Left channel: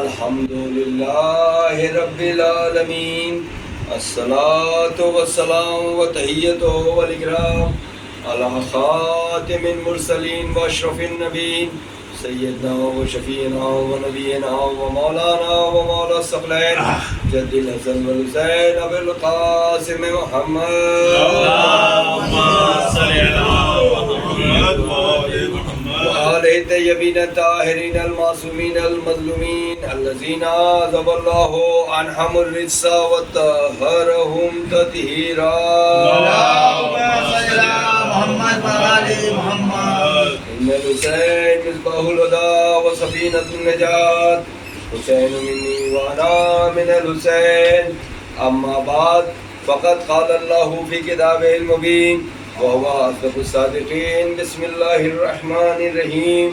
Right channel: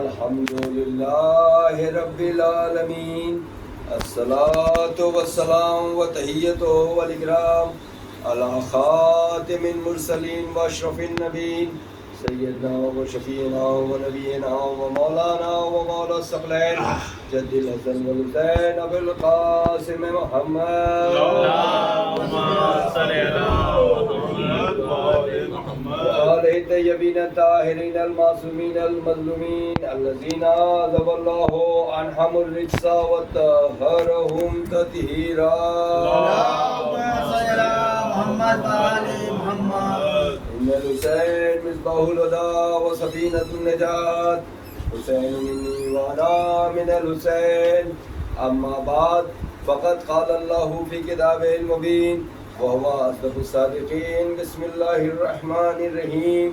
الحمدللہ رب العالمین الصلاۃ والسلام وتحیۃ والاکرام علی خاتم المرسلین واشرف النبیین سیدنا و شفیعنا و نبینا و مولانا و مولا الثقلین جد الحسن والحسین ابو القاسم محمد اللهم صل علی محمد وآلہ الطیبین الطاہرین المعصومین المظلومین الذین عذب اللہ عنہم الرجس وطہرہم تطہیرا اللهم صل علی محمد وآل محمد ان الحسین مصباح الہدی وسفینۃ النجات حسین منی وانا من الحسین اما بعد فقد قال اللہ فی کتابہ المبین وهو أصدق الصادقين بسم الله الرحمن الرحيم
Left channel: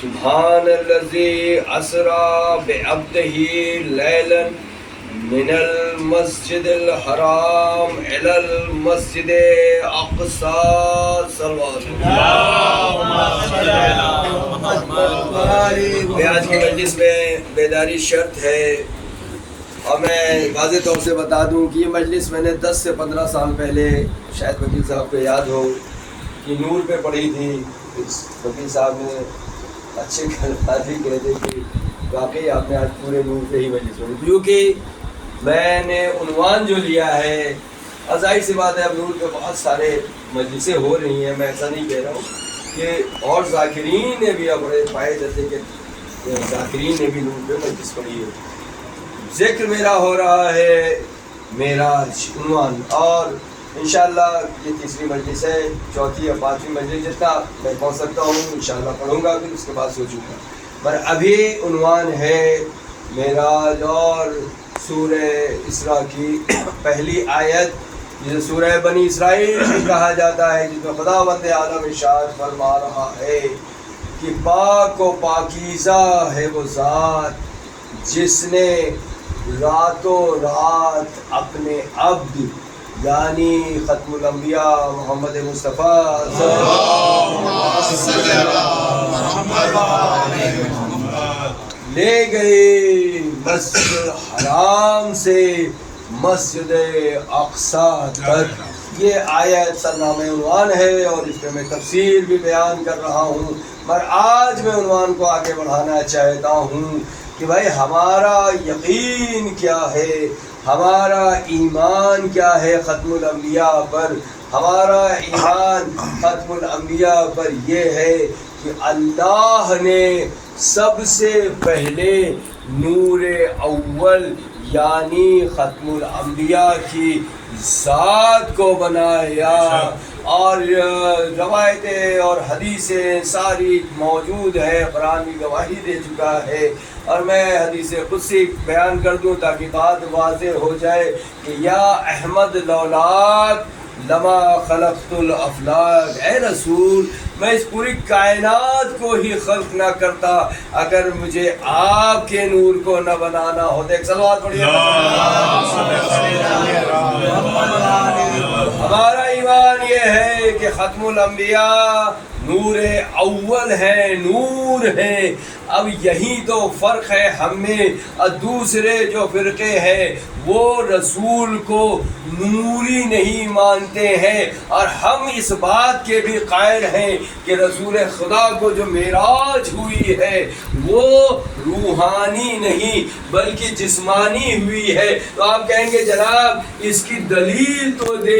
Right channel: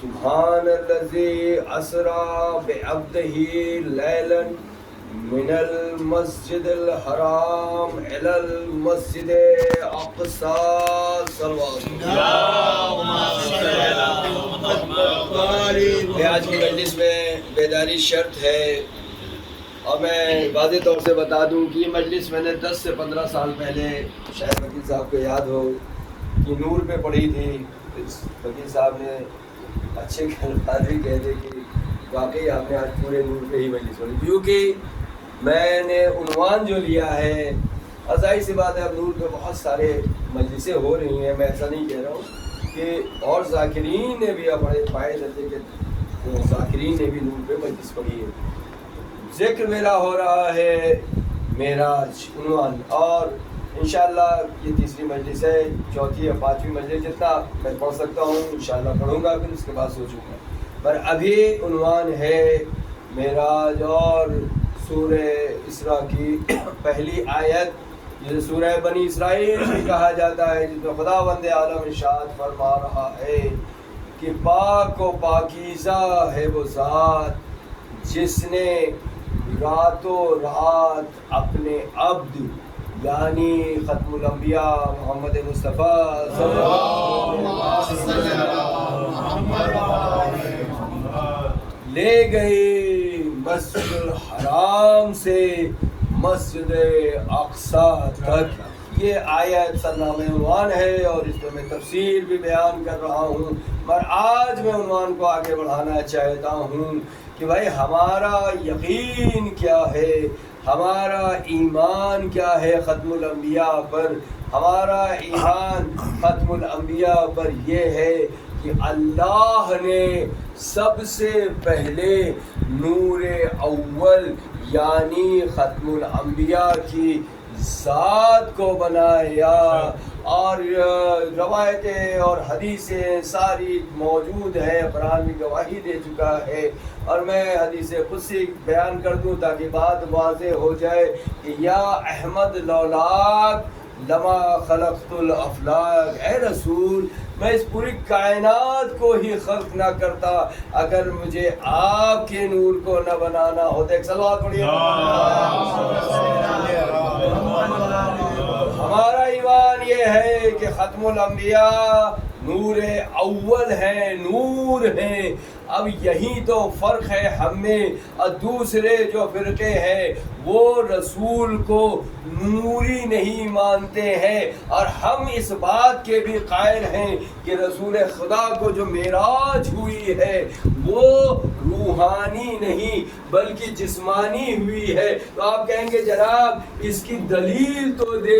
سبحان الذي أسرى بعبده ليلا من المسجد الحرام إلى المسجد الأقصى صلوات میں آج کی مجلس میں بیداری شرط ہے اور میں واضح طور سے بتا دوں کہ یہ مجلس میں نے 10 سے 15 سال پہلے شاید وکیل صاحب کو یاد ہو کہ نور پہ پڑھی تھی. وکیل صاحب نے اچھے الفاظ بھی کہتے کہ واقعی آپ نے آج پورے نور پہ ہی مجلس پڑھی, کیونکہ میں نے عنوان جو لیا ہے ظاہر سی بات ہے اب نور پہ بہت سارے مجلسیں ہو رہی ہیں, میں ایسا نہیں کہہ رہا ہوں کہ اور ذاکرین نے بھی اب بڑے پائے جیسے کہ ذاکرین نے بھی نور پہ مجلس پڑھی ہے. ذکر میرا ہو رہا ہے معراج عنوان, اور انشاءاللہ یہ تیسری مجلس ہے, چوتھی یا پانچویں مجلس جتنا میں پہنچ سکتا ہوں انشاءاللہ پڑھوں گا, پھر اس کے بعد سوچوں گا. پر ابھی عنوان ہے معراج اور سورہ اسراء کی پہلی آیت جسے سورہ بنی اسرائیل بھی کہا جاتا ہے, جس میں خداوند عالم ارشاد فرما رہا ہے کہ پاک و پاکیزہ ہے وہ ذات جس نے راتوں رات اپنے عبد یعنی ختم الانبیاء محمد مصطفیٰ لے گئے مسجد الحرام سے مسجد اقصیٰ تک. یہ آیت سرنامہ عنوان ہے اور اس میں میں تفصیل بھی بیان کر رہا ہوں, پر آج میں عنوان کو آگے بڑھانا چاہتا ہوں کہ بھائی ہمارا یقین کیا ہے, ہمارا ایمان کیا ہے ختم الانبیاء پر. ہمارا ایمان ختم الانبیاء پر یہ ہے کہ اللہ نے سب سے پہلے نور اول یعنی ختم الانبیاء کی ذات کو بنایا, اور روایتیں اور حدیثیں ساری موجود ہے, قرآن کی گواہی دے چکا ہے. اور میں حدیث قدسی بیان کر دوں تاکہ بات واضح ہو جائے کہ یا احمد لولاک لما خلقت الافلاک, اے رسول میں اس پوری کائنات کو ہی خلق نہ کرتا اگر مجھے آپ کے نور کو نہ بنانا ہوتا. ایک صلوات پڑھیے. ہمارا ایمان یہ ہے کہ ختم الانبیاء نور اول ہے, نور ہے. اب یہی تو فرق ہے ہم میں اور دوسرے جو فرقے ہیں, وہ رسول کو نوری نہیں مانتے ہیں, اور ہم اس بات کے بھی قائل ہیں کہ رسول خدا کو جو معراج ہوئی ہے وہ روحانی نہیں بلکہ جسمانی ہوئی ہے. تو آپ کہیں گے جناب اس کی دلیل تو دے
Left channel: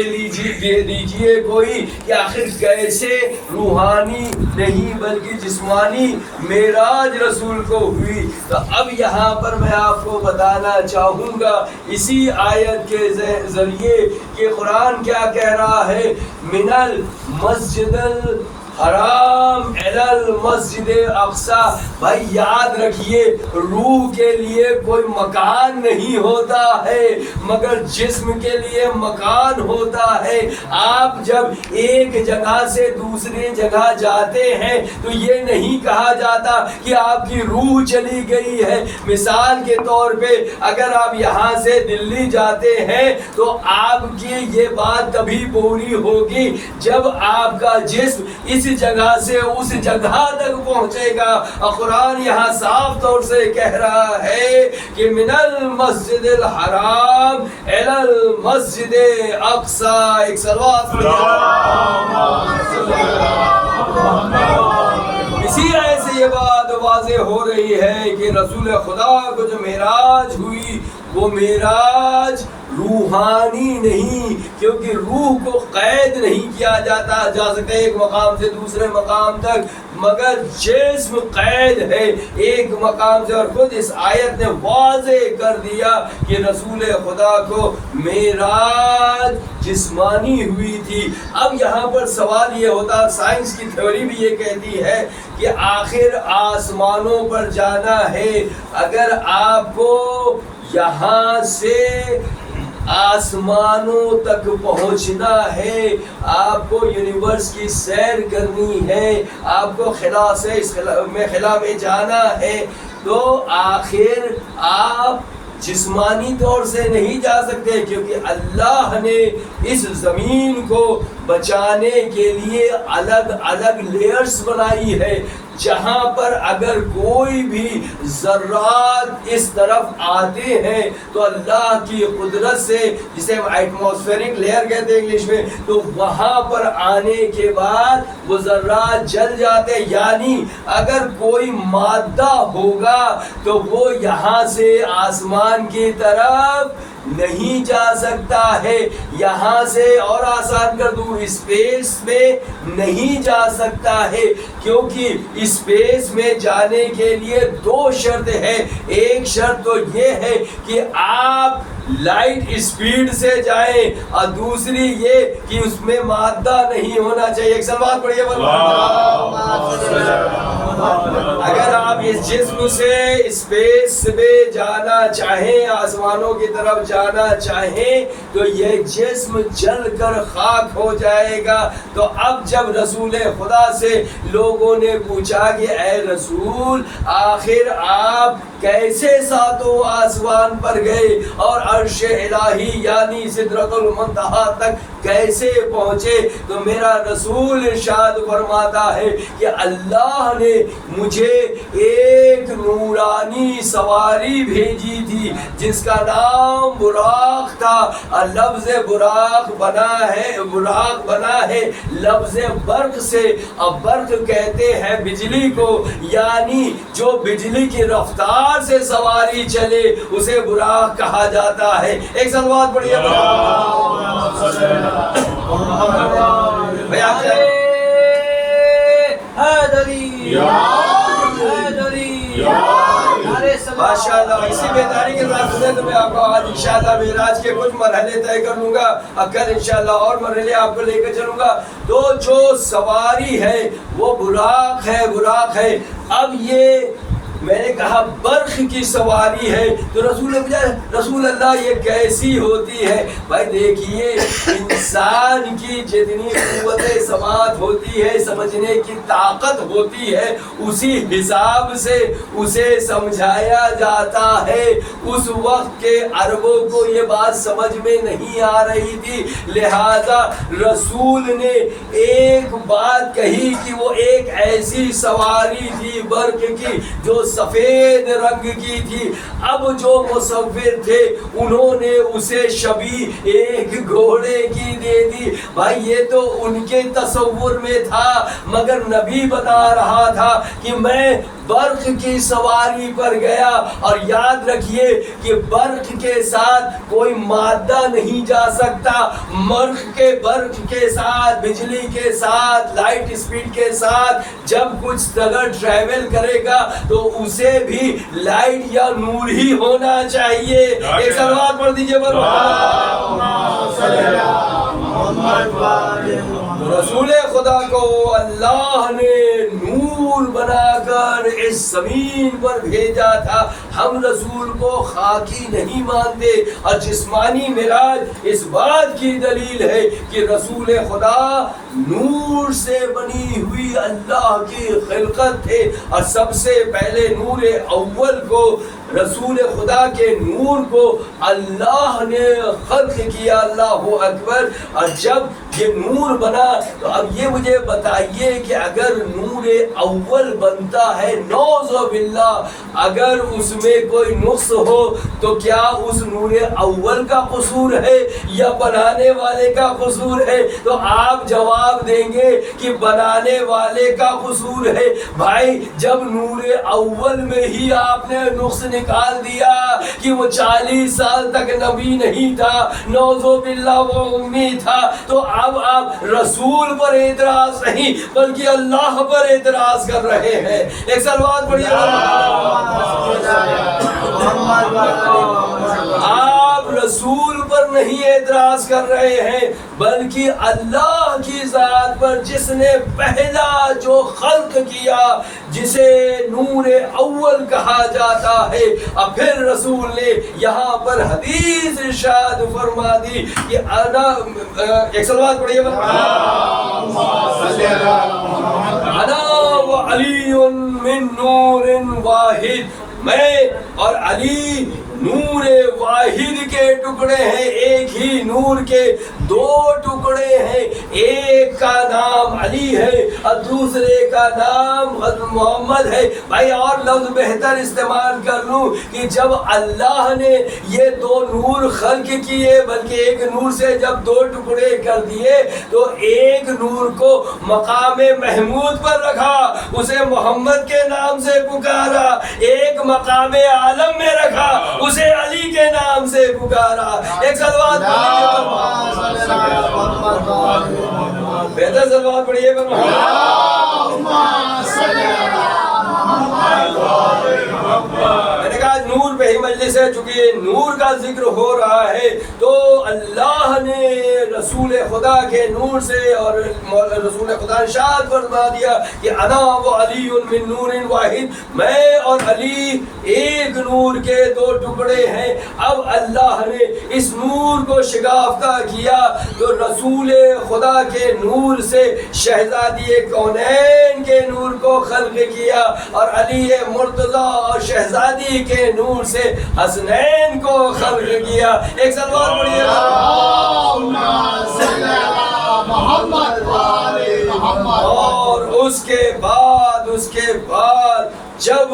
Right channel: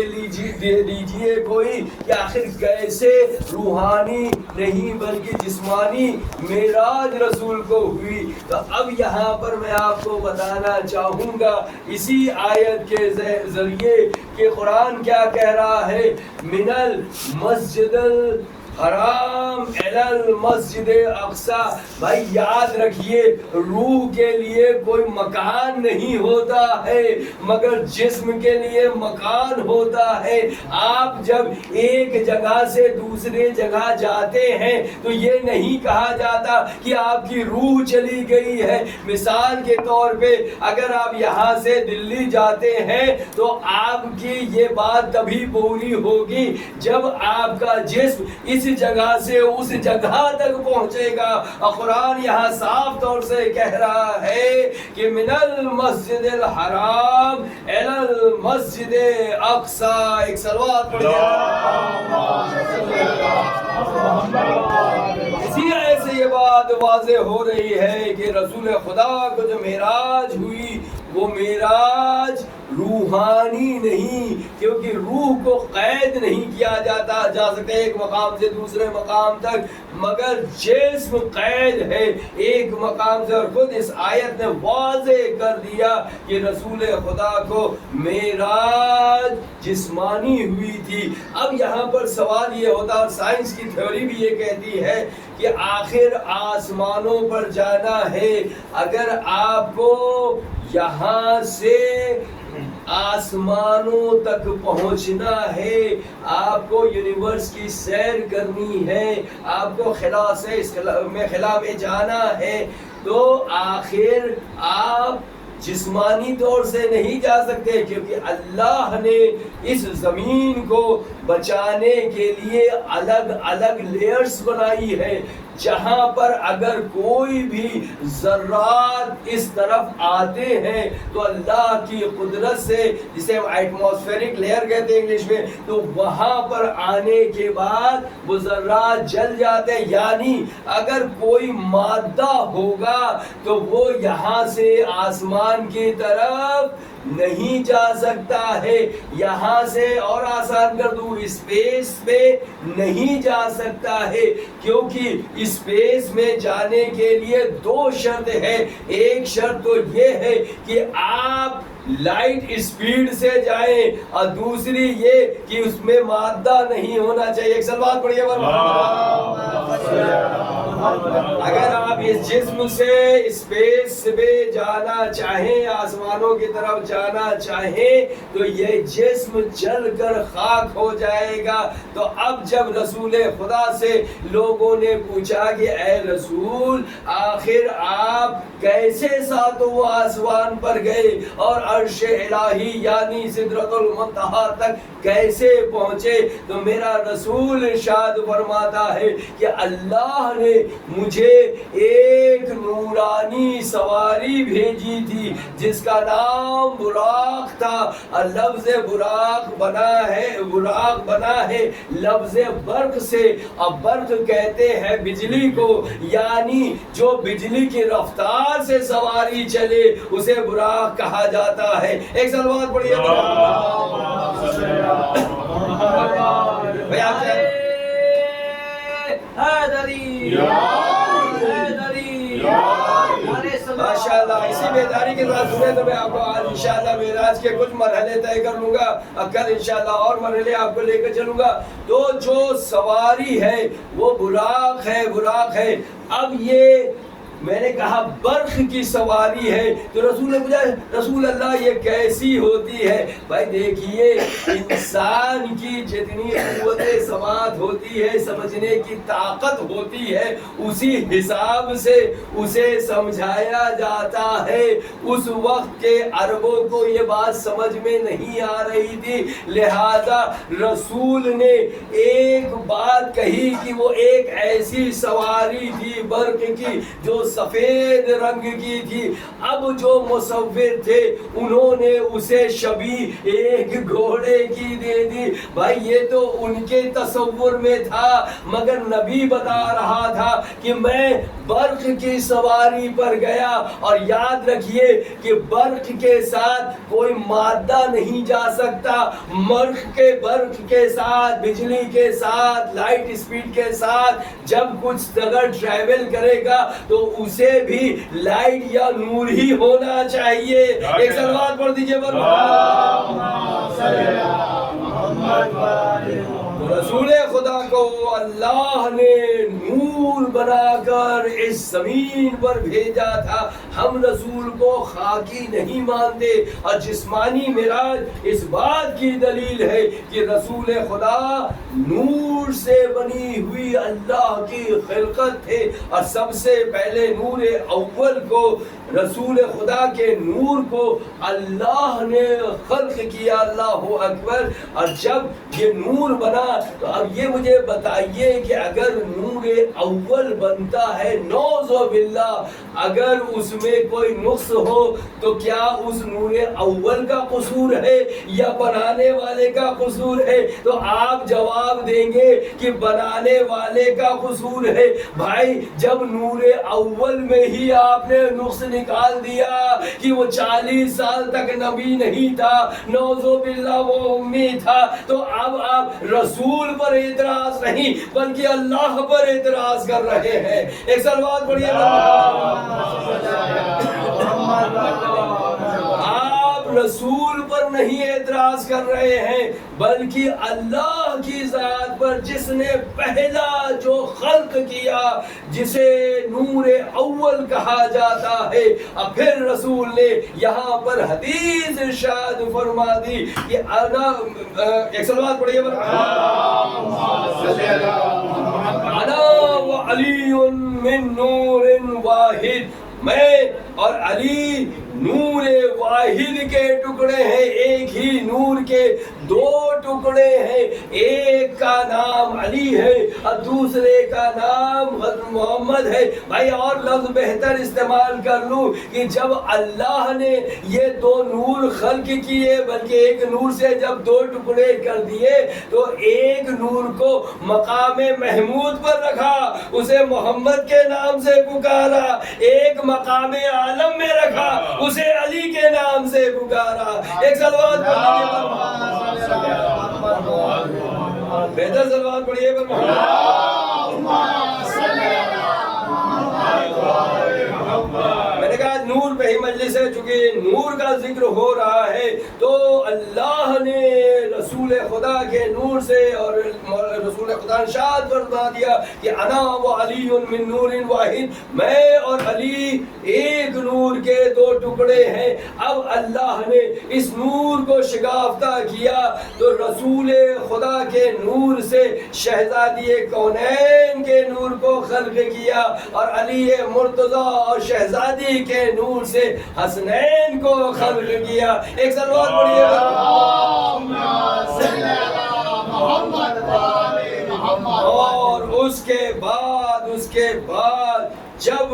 دیجئے کوئی کہ آخر کیسے روحانی نہیں بلکہ جسمانی معراج رسول کو ہوئی. تو اب یہاں پر میں آپ کو بتانا چاہوں گا اسی آیت کے ذریعے کہ قرآن کیا کہہ رہا ہے, من المسجد الحرام الی المسجد اقصیٰ. بھائی یاد رکھیے روح کے لیے کوئی مکان نہیں ہوتا ہے مگر جسم کے لیے مکان ہوتا ہے. آپ جب ایک جگہ سے دوسرے جگہ جاتے ہیں تو یہ نہیں کہا جاتا کہ آپ کی روح چلی گئی ہے. مثال کے طور پہ اگر آپ یہاں سے دلی جاتے ہیں تو آپ کی یہ بات تبھی پوری ہوگی جب آپ کا جسم اس اس جگہ سے اس جگہ تک پہنچے گا. اور قرآن یہاں صاف طور سے کہہ رہا ہے کہ من المسجد الحرام الی المسجد اقصی. ایک صلوات اسی آیت سے یہ بات واضح ہو رہی ہے کہ رسول خدا کو جو معراج ہوئی وہ معراج روحانی نہیں، کیونکہ روح کو قید نہیں کیا جا سکتا ایک مقام سے دوسرے مقام تک، مگر جسم قید ہے ایک مقام سے. اور خود اس آیت نے واضح کر دیا کہ رسول خدا کو معراج جسمانی ہوئی تھی. اب یہاں پر سوال یہ ہوتا، سائنس کی تھیوری بھی یہ کہتی ہے کہ آخر آسمانوں پر جانا ہے، اگر آپ کو یہاں سے آسمانوں تک پہنچنا ہے، آپ کو یونیورس کی سیر کرنی ہے، آپ کو خلا سے اس خلا میں جانا ہے، تو آخر آپ جسمانی طور سے نہیں جا سکتے، کیونکہ اللہ نے اس زمین کو بچانے کے لیے الگ الگ لیئرز بنائی ہے، جہاں پر اگر کوئی بھی ذرات اس طرف آتے ہیں تو اللہ کی قدرت سے، جسے ایٹماسفیرک لیئر کہتے ہیں انگلش میں، تو وہاں پر آنے کے بعد وہ ذرات جل جاتے ہیں. یعنی اگر کوئی مادہ ہوگا تو وہ یہاں سے آسمان کی طرف نہیں جا سکتا ہے، یہاں سے اور آسان کر دوں اسپیس میں نہیں جا سکتا ہے، کیونکہ اسپیس میں جانے کے لیے دو شرط ہے. ایک شرط تو یہ ہے کہ آپ لائٹ اسپیڈ سے جائیں، اور دوسری یہ کہ اس میں مادہ نہیں ہونا چاہیے. ایک سوال پڑھیے. اگر آپ اس جسم سے اسپیس میں جانا چاہیں، آسمانوں کی طرف جانا چاہیں، تو یہ جسم جل کر خاک ہو جائے گا. تو اب جب رسول خدا سے لوگوں نے پوچھا کہ اے رسول، آخر آپ کیسے ساتوں آسمان پر گئے اور عرش الہی یعنی سدرۃ المنتہا تک کیسے پہنچے؟ تو میرا رسول ارشاد فرماتا ہے کہ اللہ نے مجھے ایک نورانی سواری بھیجی تھی جس کا نام براق تھا. اور لفظ براق بنا ہے لفظ برق سے، اور برق کہتے ہیں بجلی کو، یعنی جو بجلی کی رفتار سے سواری چلے اسے براق کہا جاتا ہے. ایک صلوات پڑھیے. ماشاء اللہ. اسی بیداری کے ساتھ میں آپ کو آج انشاءاللہ معراج کے کچھ مرحلے طے کر لوں گا، اور کل انشاءاللہ اور مرحلے آپ کو لے کر چلوں گا. تو جو سواری ہے وہ براق ہے. اب یہ میں نے کہا برق کی سواری ہے، تو رسول اللہ یہ کیسی ہوتی ہے؟ بھائی دیکھیے، انسان کی جتنی قوت سماعت ہوتی ہے، سمجھنے کی طاقت ہوتی ہے، اسی حساب سے اسے سمجھایا جاتا ہے. اس وقت کے عربوں کو یہ بات سمجھ میں نہیں آ رہی تھی، لہذا رسول نے ایک بات کہی کہ وہ ایک ایسی سواری تھی برق کی جو سفید رنگ کی تھی. اب جو مصور تھے انہوں نے اسے شبیہ ایک گھوڑے کی دے دی. بھائی یہ تو ان کے تصور میں تھا، مگر نبی بتا رہا تھا کہ میں برق کی سواری پر گیا. اور یاد رکھیے کہ برق کے ساتھ کوئی مادہ نہیں جا سکتا. برق کے ساتھ، بجلی کے ساتھ، لائٹ اسپیڈ کے ساتھ جب کچھ اگر ٹریول کرے گا تو اسے بھی لائٹ یا نور ہی ہونا چاہیے. ایک سلوات پڑھ دیجئے. رسول خدا کو اللہ نے نور رسول بنا کر اس زمین پر بھیجا تھا. ہم رسول کو خاکی نہیں مانتے. اور جسمانی معراج اس بات کی دلیل ہے کہ رسول خدا نور سے بنی ہوئی اللہ کی خلقت تھے. اور سب سے پہلے نور اول کو، رسول خدا کے نور کو اللہ نے خلق کیا. اللہ اکبر. اور جب یہ نور بنا تو اب یہ مجھے بتائیے کہ اگر نور اول بنتا ہے، نعوذ باللہ، اگر اس میں کوئی نقص ہو تو کیا اس نور اول کا قصور ہے یا بنانے والے کا قصور ہے؟ تو آپ جواب دیں گے کہ بنانے والے کا قصور ہے. بھائی جب نور اول میں ہی آپ نے نقص نکال دیا کہ وہ 40 سال تک نبی نہیں تھا، نعوذ باللہ وہ امی تھا، تو اب آپ رسول پر اعتراض نہیں بلکہ اللہ پر اعتراض کر رہے ہیں. ایک صلوات پڑھیے. آپ رسول پر نہیں اعتراض کر رہے ہیں بلکہ اللہ کی ذات پر، جس نے پہلا جو خلق کیا، جسے نور اول کہا جاتا ہے. اور پھر رسول نے یہاں پر حدیث ارشاد فرما دی کہ انا، ایک صلوات پڑھیے، انا و علی من نور واحد، میں اور علی نور واحد کے ٹکڑے ہیں. ایک ہی نور کے دو ٹکڑے ہیں. ایک کا نام علی ہے اور دوسرے کا نام محمد ہے. بھائی اور لفظ بہتر استعمال کر لوں کہ جب اللہ نے یہ دو نور خلق کیے، بلکہ ایک نور سے جب دو ٹکڑے کر دیے تو ایک نور کو مقام محمود پر رکھا، اسے محمد کے نام سے پکارا. ایک مقام عالم میں رکھا، اسے علی کے نام سے پکارا. ایک صلوات بہتر صلوات پڑھیے. میں نے کہا نور پہ ہی مجلس ہے، چونکہ نور کا ذکر ہو رہا ہے تو اللہ نے رسول خدا کے نور سے، اور رسول خدا نے ارشاد فرما دیا کہ انا و علی من نور واحد، میں اور علی ایک نور کے دو ٹکڑے ہیں. اب اللہ نے اس نور کو شگافتہ کیا تو رسول خدا کے نور سے شہزادی کونین کے نور کو خلق کیا، اور علی مرتضیٰ اور شہزادی کے نور سے حسنین کو خلق کیا. ایک صلوات پڑھیے. اور اس کے بعد جب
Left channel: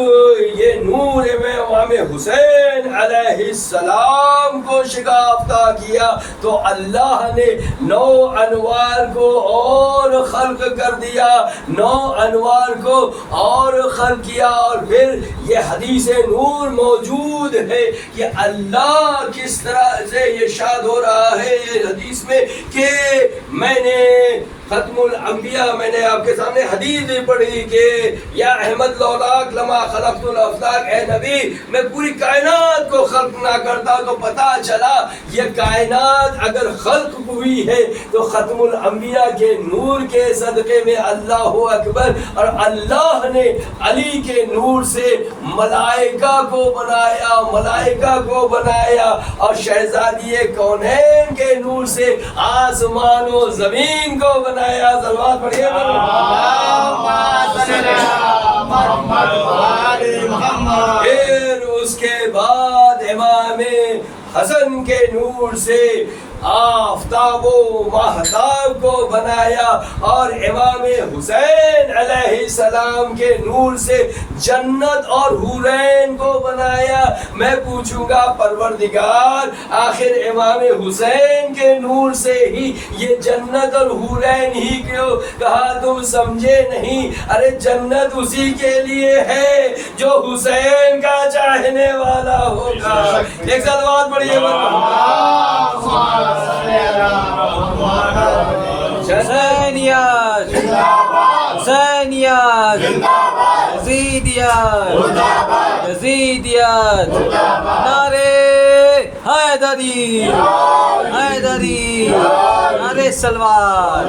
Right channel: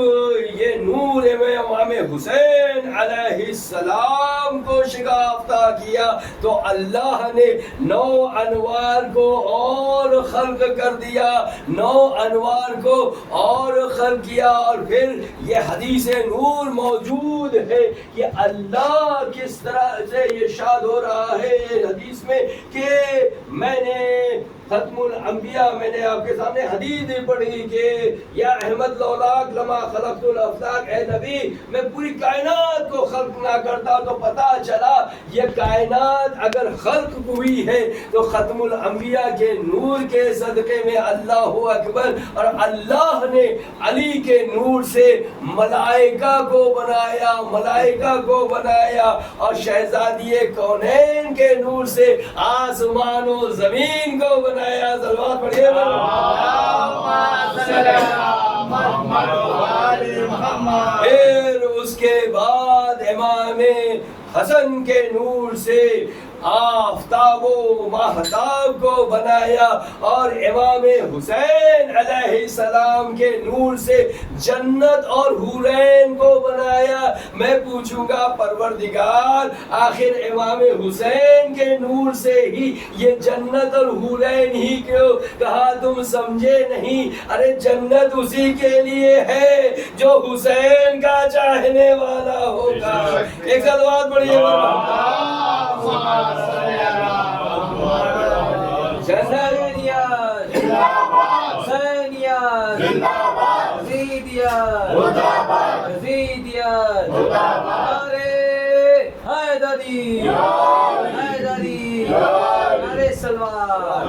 یہ نور میں امام حسین علیہ السلام کو شگافتہ کیا تو اللہ نے 9 انوار کو اور خلق کر دیا، 9 انوار کو اور خلق کیا. اور پھر یہ حدیث نور موجود ہے کہ اللہ کس طرح سے یہ ارشاد ہو رہا ہے حدیث میں کہ میں نے ختم الانبیاء، میں نے آپ کے سامنے حدیث بھی پڑھی کہ یا احمد لولاک لما خلقت الافلاک، اے نبی میں پوری کائنات کو خلق نہ کرتا تو پتا چلا یہ کائنات اگر خلق ہوئی ہے تو ختم الانبیاء کے نور کے صدقے میں. اللہ اکبر. اور اللہ نے علی کے نور سے ملائکہ کو بنایا، ملائکہ کو بنایا، اور شہزادی کونین کے نور سے آسمان و زمین کو بنایا. صلوات پڑھیے. پھر اس کے بعد امام حسن کے نور سے آفتاب و ماہتاب کو بنایا، اور امام حسین علیہ السلام کے نور سے جنت اور حورین کو بنایا. میں پوچھوں گا پروردگار آخر امام حسین کے نور سے ہی یہ جنت اور حورین ہی کیوں کہا؟ تم سمجھے نہیں؟ ارے جنت اسی کے لیے ہے جو حسین کا چاہنے والا ہوگا. ایک صلوات پڑھیے. حسینیت حسینیت یزیدیت یزیدیت، نعرے حیدری حیدری، نعرے سلوات.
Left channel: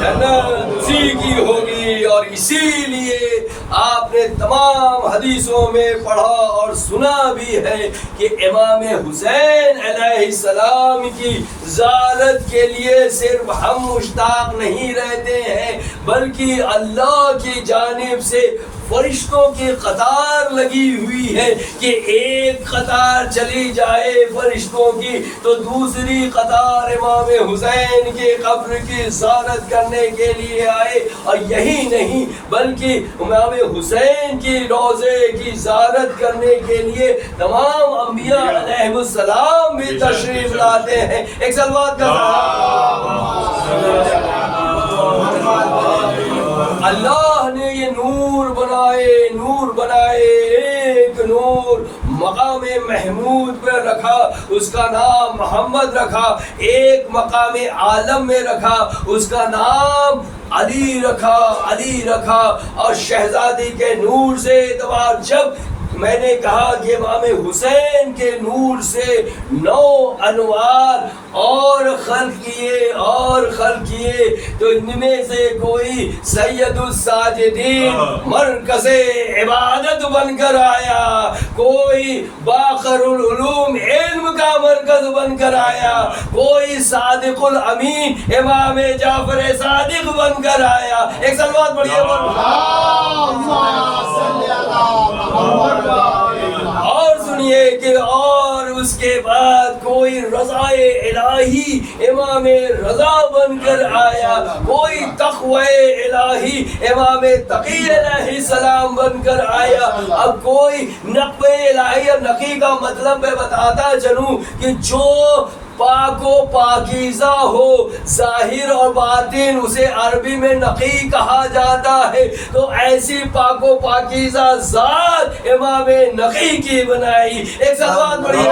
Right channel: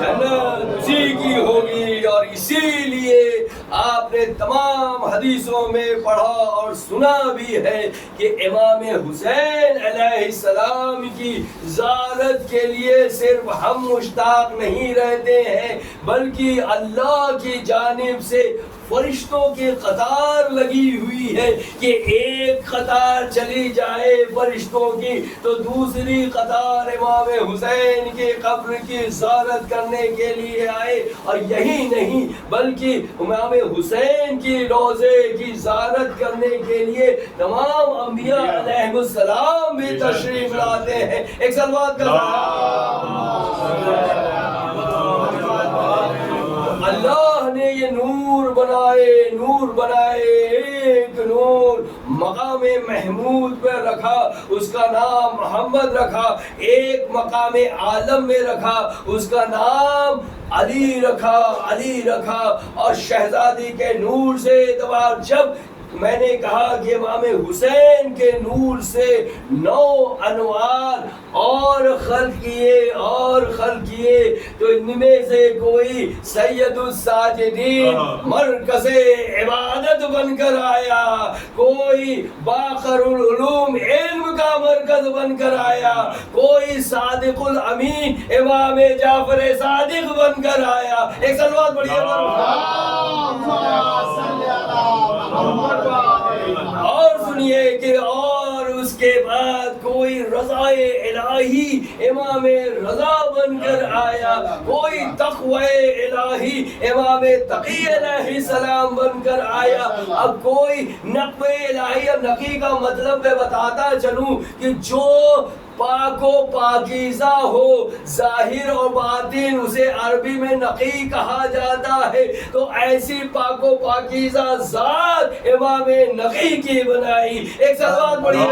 جنت اسی کی ہوگی اور اسی لیے آپ نے تمام حدیثوں میں پڑھا اور سنا بھی ہے کہ امام حسین علیہ السلام کی زیارت کے لیے صرف ہم مشتاق نہیں رہتے ہیں بلکہ اللہ کی جانب سے فرشتوں کی قطار لگی ہوئی ہے کہ ایک قطار چلی جائے فرشتوں کی تو دوسری قطار امام حسین کے قبر کی زیارت کرنے کے لیے آئے، اور یہی نہیں بلکہ امام حسین کی روضے کی زیارت کرنے کے لیے تمام انبیاء علیہ السلام بھی تشریف لاتے ہیں۔ ایک صلوات کا اللہ نے یہ نور بنائے ایک نور مقام محمود پہ رکھا، اس کا نام محمد رکھا، ایک مقام عالم میں رکھا، اس کا نام علی رکھا، اور شہزادی کے نور سے اعتبار جب میں نے کہا کہ امام حسین کے نور سے 9 انوار اور خلق کیے تو ان میں سے کوئی سید الساجدین مرکز عبادت بن کر آیا، کوئی باخر العلوم علم کا مرکز بن کر آیا، کوئی صادق الامین امام جعفر صادق بن کر آیا۔ ایک صلوات پڑھیے اور سنیے کہ اور اس کے بعد کوئی رضائے الہی امام رضا بن کر آیا، کوئی تقوی الہی امام تقی علیہ السلام بن کر آیا، اب کوئی نقوی الہی، نقی کا مطلب میں بتاتا چلوں کہ جو پاک و پاکیزہ ہو ظاہر اور باطن، اسے عربی میں نقی کہا جاتا ہے، تو ایسی پاک و پاکیزہ ذات امام نقی کی بنائی۔ ایک صلوات پڑھیے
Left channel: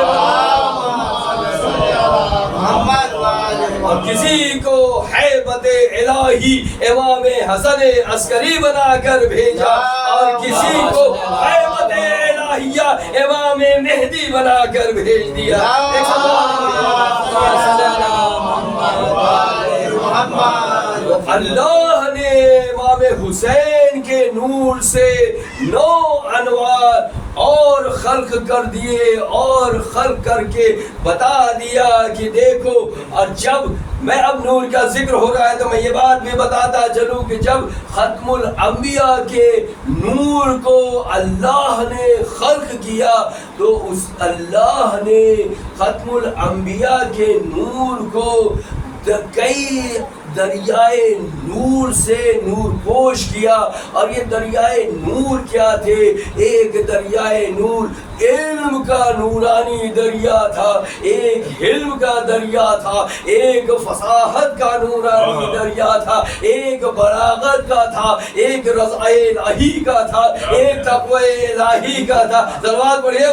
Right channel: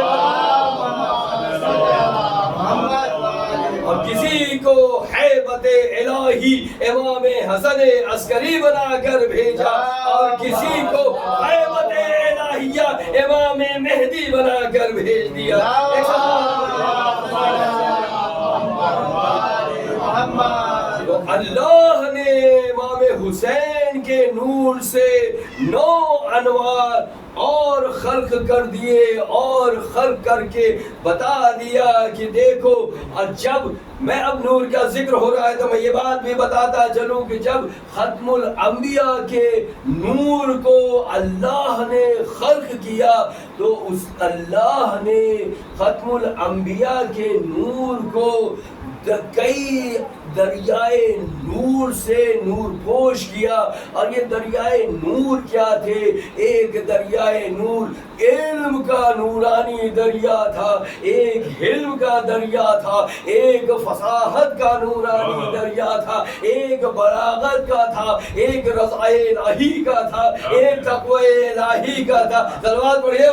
اور کسی کو ہیبت الہی امام حسن عسکری بنا کر بھیجا، اور کسی کو ہیبت الہیہ امام مہدی بنا کر بھیج دیا۔ اللہ نے امام حسین کے نور سے 9 انوار اور خلق کر دیے، اور خلق کر کے بتا دیا کہ دیکھو، اور جب میں اب نور کا ذکر ہو رہا ہے تو میں یہ بات بھی بتاتا چلوں کہ جب ختم الانبیاء کے نور کو اللہ نے خلق کیا تو اس اللہ نے ختم الانبیاء کے نور کو کئی دریائے نور سے نور پوش کیا، اور یہ دریائے نور کیا تھے؟ ایک دریائے نور علم کا نورانی دریا تھا، ایک حلم کا دریا تھا، ایک فصاحت کا نورانی دریا تھا، ایک بلاغت کا تھا، ایک رضا الہی کا تھا، ایک تقوی الہی کا تھا۔ صلوات پڑھیے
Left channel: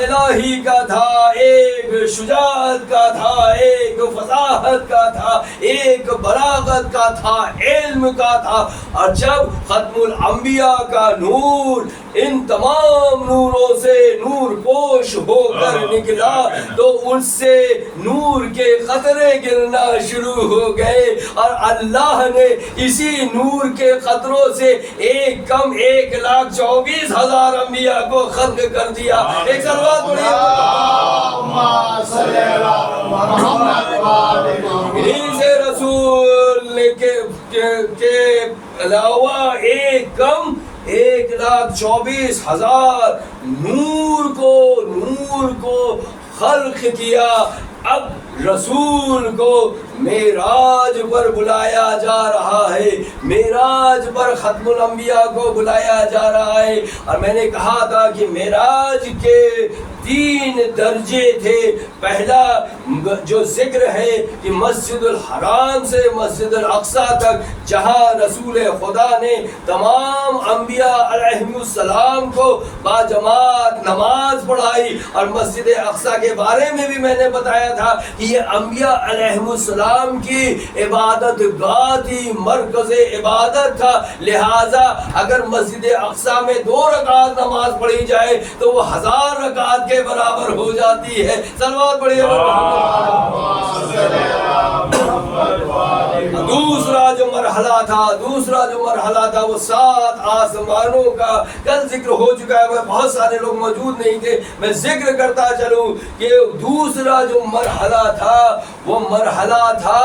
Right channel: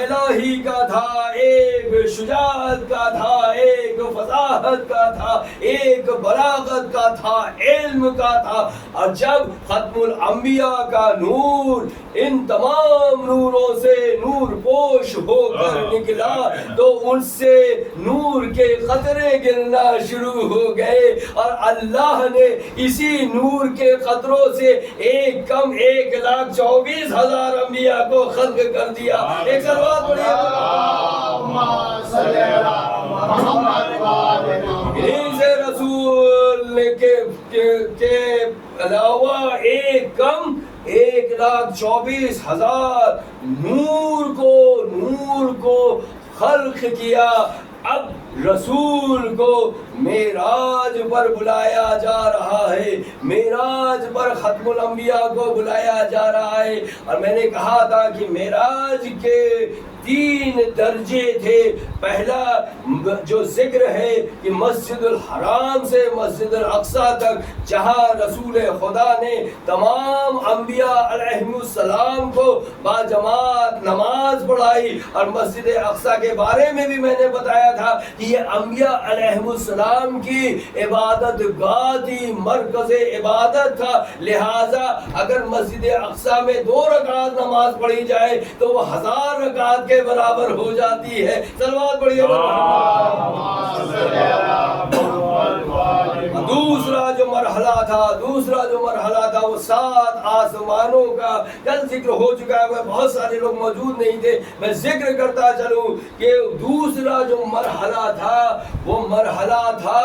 الہی کا تھا، ایک شجاعت کا تھا، ایک فصاحت کا تھا، ایک بلاغت کا تھا، علم کا تھا، اور جب ختم الانبیاء کا نور ان تمام نوروں سے نور پوش ہو کر نکلا تو ان سے نور کے قطرے گرنا شروع ہو گئے، اور اللہ نے اسی نور کے قطروں سے 1,24,000 انبیاء کو خلق کر دیا۔ ایک صلوات پڑھیے رسول کے علاوہ 1,24,000 نور کو خلق کیا۔ اب رسول کو معراج پر بلایا جا رہا ہے، معراج پر ختم الانبیاء کو بلایا جا رہا ہے، اور میں نے کہا تھا کہ معراج کے 3 درجے تھے۔ پہلا جو ذکر ہے کہ مسجد الحرام سے مسجد الاقصی تک، جہاں رسول خدا نے تمام انبیاء علیہ السلام کو باجماعت نماز پڑھائی، اور مسجد اقصی کے بارے میں بھی میں نے بتایا تھا کہ یہ انبیاء علیہ السلام کی عبادت گاہ تھی، مرکز عبادت تھا، لہٰذا اگر مسجد اقصی میں 2 رکعت نماز پڑھی جائے تو وہ 1000 رکعت کے کے برابر ہو جاتی ہے. صلوات پڑھیے. دوسرا جو مرحلہ تھا وہ 7 آسمانوں کا. کل ذکر ہو چکا ہے, بہت سارے لوگ موجود نہیں تھے, میں ذکر کرتا چلوں کہ دوسرا جو مرحلہ تھا وہ مرحلہ تھا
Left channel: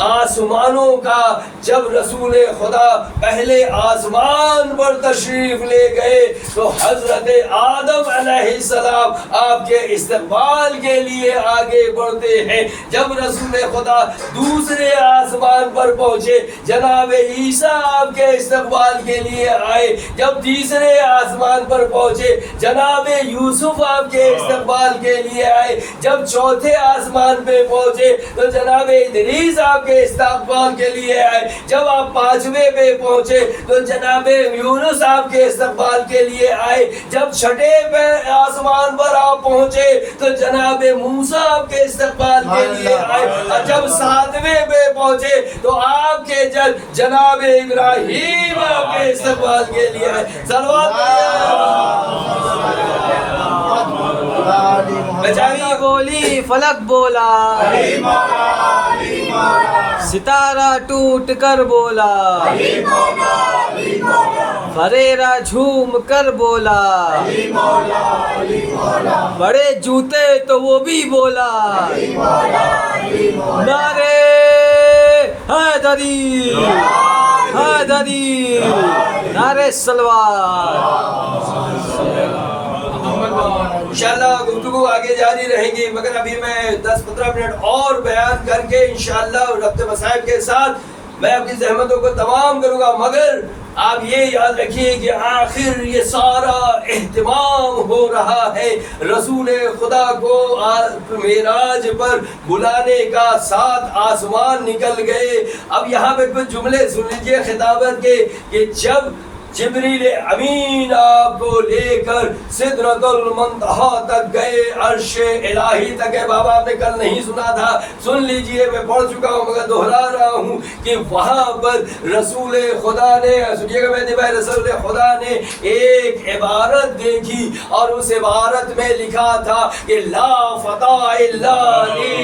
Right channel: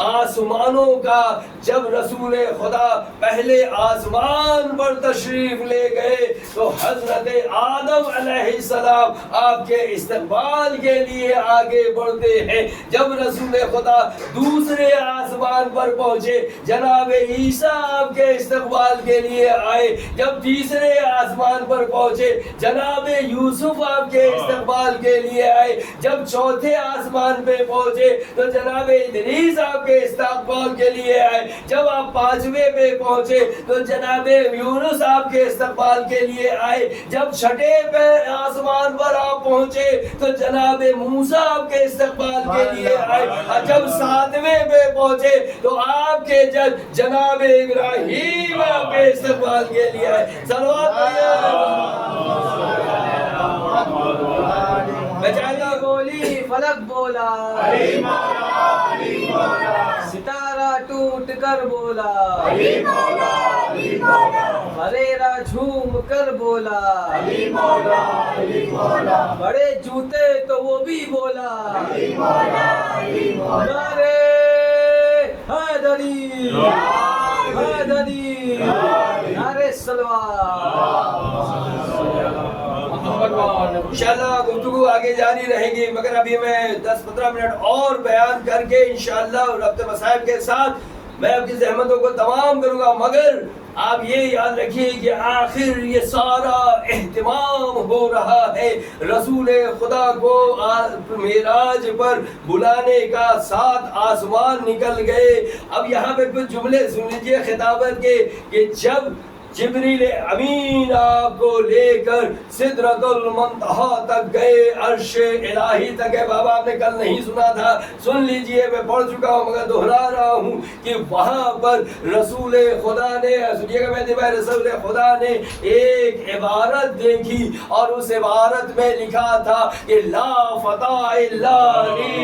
آسمانوں کا. جب رسول خدا پہلے آسمان پر تشریف لے گئے تو حضرت آدم علیہ السلام آپ کے استقبال کے لیے آگے بڑھتے ہیں. جب رسول خدا دوسرے آسمان پر پہنچے جناب عیسیٰ آپ کے استقبال کے لیے آئے. جب تیسرے آسمان پر پہنچے جناب یوسف آپ کے استقبال کے لیے آئے. جب چوتھے آسمان پہ پہنچے تو جناب ادریس آپ کے استقبال کے لیے آئے. جب آپ 5ویں پہ پہنچے تو جناب یونس آپ کے استقبال کے لیے آئے. جب 6 آسمان پر آپ پہنچے تو جناب موسیٰ آپ کے استقبال کے لیے آئے. اور جب 7ویں پہ پہنچے تو آپ کے جناب ابراہیم آپ کے استقبال کے لیے آئے. چابی بولی فلک بولا, ستارہ ٹوٹ کر بولا, فریرا جھوم کر بولا, بڑے جوتے تو وہ بھی بولا, نعرے حیدری حیدری, نعرے سلوات. انشاءاللہ گفتگو آگے جاری رہیں گی, مگر ابھی میں 10-15 منٹ اور بیان کر کے انشاءاللہ ربط مصائب کے ساتھ میں اپنی زحمتوں کو تمام کروں گا. مگر آپ یہ یاد رکھیے کہ آخر یہ سارا اہتمام ہو رہا ہے رسول خدا کو معراج پر بلانے کا. 7 آسمان نکل گئے. اب یہاں پہ کچھ جملے سن لیجیے خطابت کے کہ جب جبریل امین آپ کو لے کر سدرۃ المنتہا تک گئے, عرش الہی تک ہے. بابا آپ نے کل نہیں سنا تھا, سن لیجئے, میں پڑھ چکا ہوں مگر دہرا رہا ہوں کہ وہاں پر رسول خدا نے, سنیے گا میرے بھائی, رسول خدا نے ایک عبارت دیکھی اور اس عبارت میں لکھا تھا کہ لا فتح الا علی,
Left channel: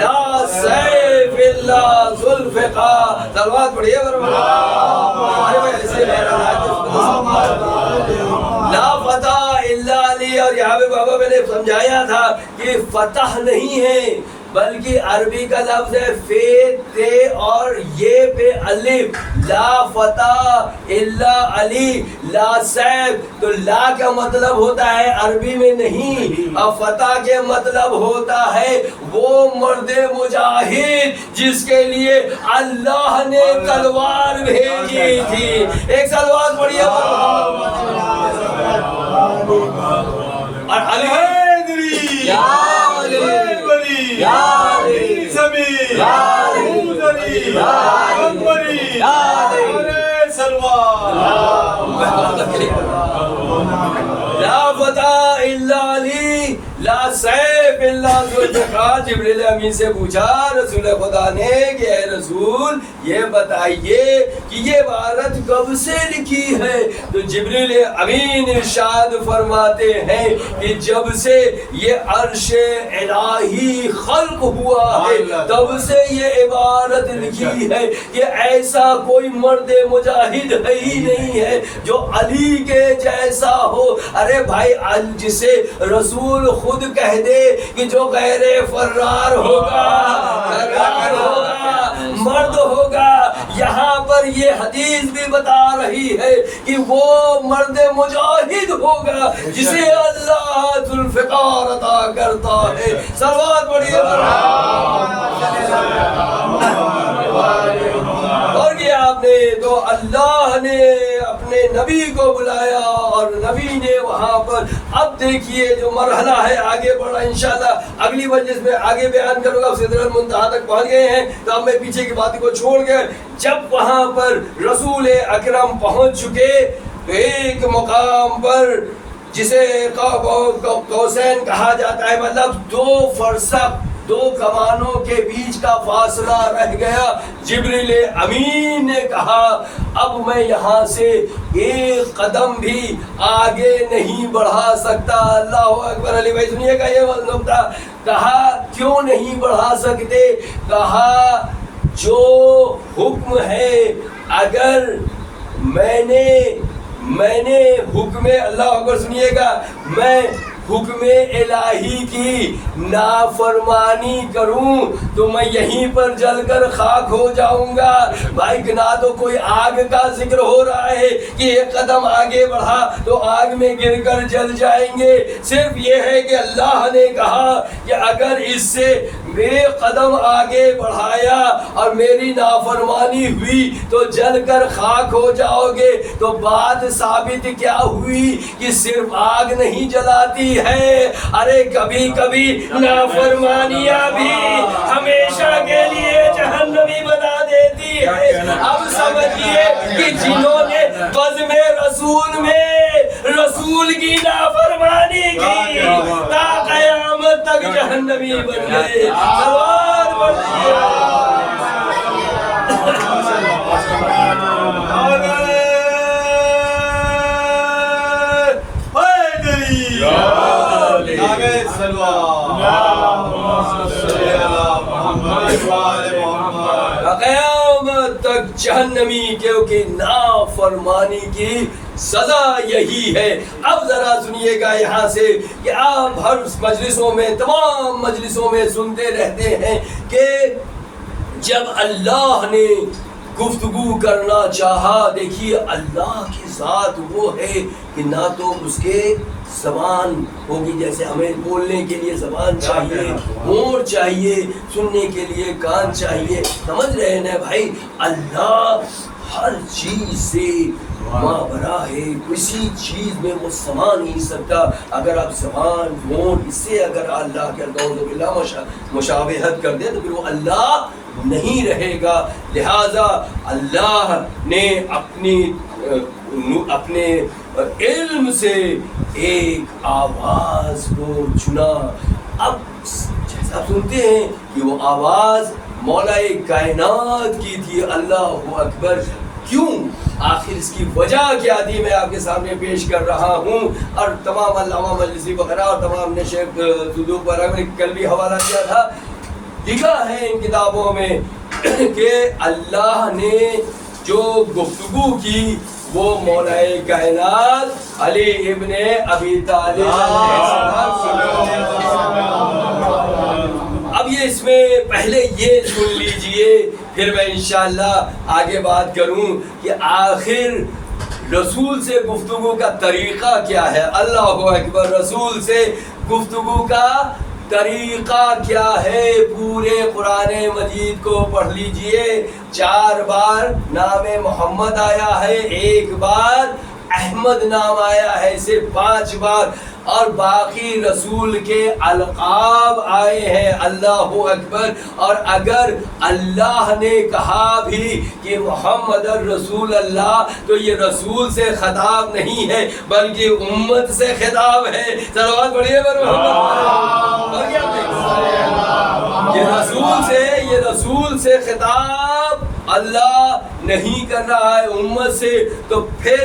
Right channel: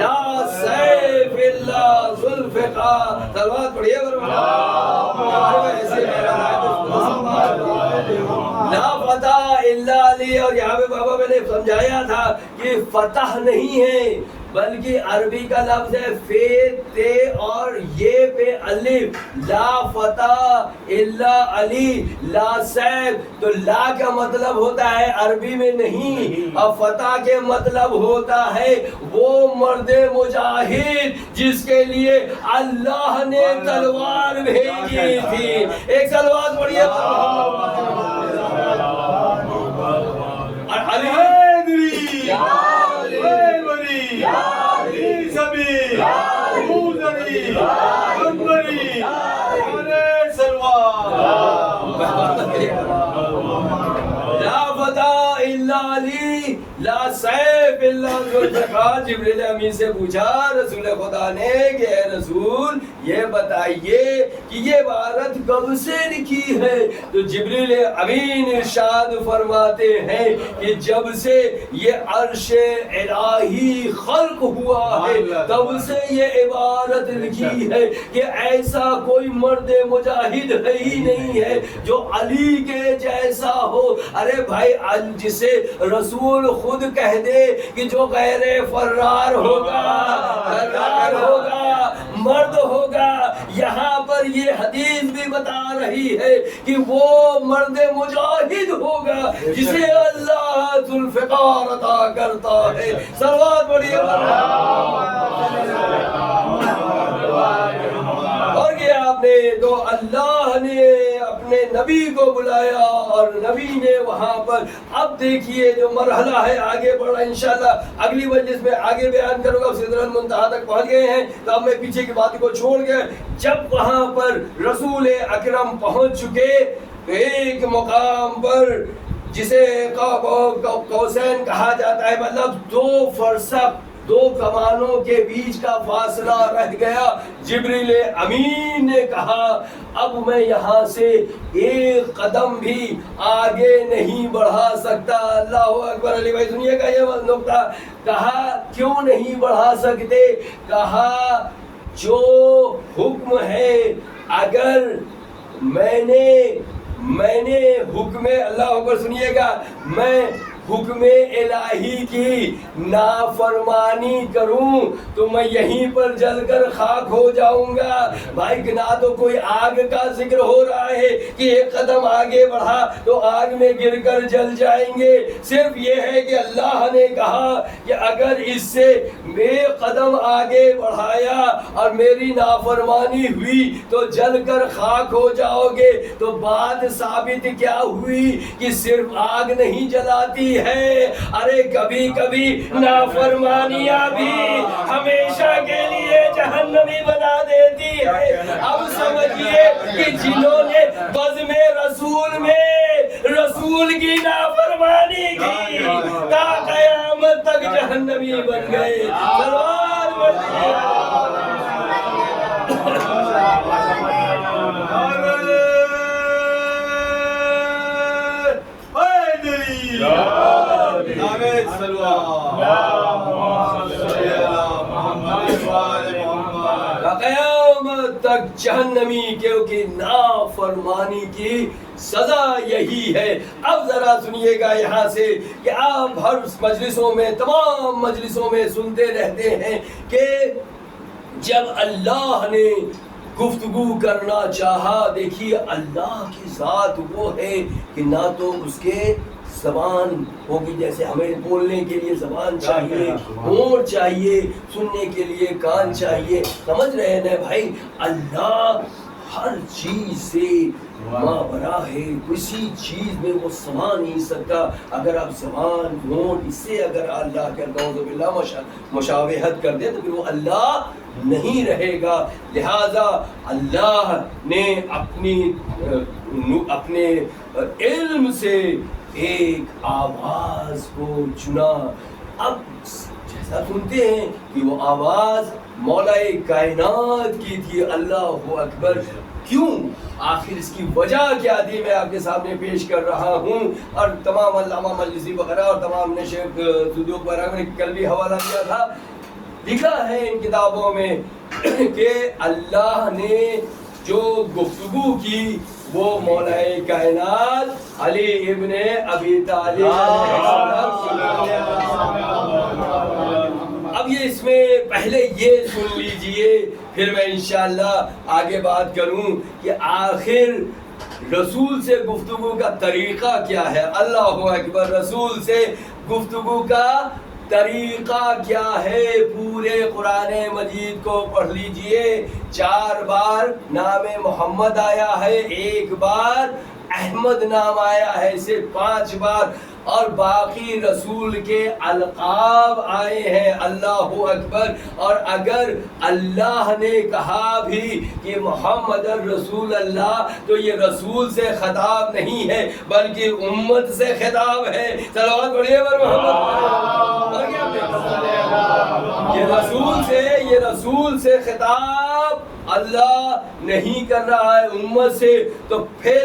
لا سیف الا ذوالفقار. صلوات پڑھیے ایسے میرا لا فتح الا علی. اور یہاں پہ بابا میں نے سمجھایا تھا کہ فتح نہیں ہے بلکہ عربی کا لفظ ہے فے تے اور یہ پہ الف. لا فتح الا علی, لا سیف. تو لا کا مطلب ہوتا ہے عربی میں نہیں, اور فتح کے مطلب ہوتا ہے وہ مرد مجاہد جس کے لیے اللہ نے تلوار بھیجی تھی. ایک سلوات پڑھیے. اور حیدری یا علی یا علی زمین یا علی یا علی یا علی سلوات. لا فتح الا علی, لا سیف الا ذوالفقار. جبریل امین سے پوچھا رسول خدا نے کہ اے رسول یہ بتائیے کہ یہ عبارت کب سے لکھی ہے؟ تو جبریل امین ارشاد فرماتے ہیں کہ جب سے یہ عرش الہی خلق ہوا ہے تب سے یہ عبارت لکھی ہے کہ ایسا کوئی مرد مجاہد ہے ہی نہیں ہے جو علی کے جیسا ہو. ارے بھائی, جسے رسول خود کہہ دے کہ جو غیر فرار ہوگا, فرار ہوگا, مرد ہوگا. یہاں پر یہ حدیث بھی بتا رہی ہے کہ وہ مرد مجاہد ہوگا جسے اللہ ذوالفقار عطا کرتا ہے. صلوات پڑھیے. اور یہ آپ نے تو اللہ نے اپنے نبی کو بلایا اور نبی نے وہاں پر. اب دیکھیے جو مرحلہ ہے آگے بڑھا, انشاءاللہ اگلی مجلس میں آگے بیان کروں گا. سدرۃ المنتہا تک پہنچ گئے ہیں تو اب میں پیچھے کی بات کو چھوڑ کے جب وہاں پر رسول اکرم پہنچ چکے تو ایک مقام پر جسے قوسین کہا جاتا ہے, مطلب 2 فرسخ 2 کمانوں کے بیچ کا فاصلہ رہ گیا. جبریل امین نے کہا اب میں یہاں سے ایک قدم بھی آگے نہیں بڑھا سکتا. اللہ اکبر. علی بھائی سنیے گا یہ نقطہ. کہا کیوں نہیں بڑھا سکتے؟ کہا جو حکم ہے اگر میں نے حکم اللہ اکبر سنیے گا میں حکم الہی کی نافرمانی کروں تو میں یہیں پر جل کر خاک ہو جاؤں گا. بھائی نہ تو کوئی آگ کا ذکر ہو رہا ہے کہ ایک قدم آگے بڑھا تو آگ میں گر کر جل جائیں گے. صرف یہ ہے کہ اللہ نے کہا کہ اگر اس سے ایک قدم آگے بڑھایا اور میری نافرمانی ہوئی تو جل کر خاک ہو جاؤ گے. تو بات ثابت کیا ہوئی کہ صرف آگ نہیں جلاتی ہے، ارے کبھی کبھی نافرمانیاں بھی ہمیشہ کے لیے جہنمی بنا دیتی ہے. اب سمجھیے کہ جنہوں نے بزم رسول میں رسول کی نافرمانی کی تا قیامت تک جہنمی بن گئے. سلوات پڑھیے. قیامت تک جہنمی کیونکہ نافرمانی کی سزا یہی ہے. اب ذرا سنیے گا یہاں سے کہ آپ ہر مجلسوں میں تمام مجلسوں میں سنتے رہتے ہیں کہ جب اللہ نے گفتگو کرنا چاہا، دیکھیے اللہ کی ذات وہ ہے کہ نہ تو اس کے زبان ہوگی، جیسے ہمیں بولنے کے لیے زبان چاہیے، ہونٹ چاہیے، سننے کے لیے کان چاہیے. سمجھ رہے ہیں نا بھائی؟ اللہ ہر چیز سے مابرا ہے، کسی چیز میں وہ سما نہیں سکتا. اگر آپ زبان ہونٹ اس سے اگر اللہ کے اعوذ باللہ مشابہت کر دیں تو پھر وہ اللہ نہیں رہے گا. لہذا اللہ نے اپنے علم سے ایک آواز کو چنا. اب جیسا سنتے ہیں کہ وہ آواز مولا کائنات کی تھی. اللہ اکبر. کیوں؟ آخر اس کی وجہ کیا تھی میں آپ کے سامنے پیش کر رہا ہوں. اور تمام علامہ مجلسی وغیرہ اور تمام نے شیخ صدوق وغیرہ نے کل بھی حوالہ دیا تھا. لکھا ہے ان کتابوں میں کہ اللہ نے جو گفتگو کی وہ مولا کائنات علی ابن ابی طالب اب یہ اس میں پہلے یہ سن لیجئے پھر میں انشاءاللہ آگے بات کروں کہ آخر رسول سے گفتگو کا طریقہ کیا ہے. اللہ اکبر. رسول سے گفتگو کا طریقہ کیا ہے؟ پورے قرآن مجید کو پڑھ لیجئے. 4 بار نام محمد آیا ہے، 1 بار احمد نام آیا ہے، صرف 5 بار. اور باقی رسول کے القاب آئے ہیں. اللہ اکبر. اور اگر اللہ نے کہا بھی کہ محمد رسول اللہ تو یہ رسول سے خطاب نہیں ہے بلکہ امت سے خطاب ہے. صلوات پڑھیے پر محمد. یہ رسول سے خطاب اللہ نہیں کر رہا ہے امت سے. تو پھر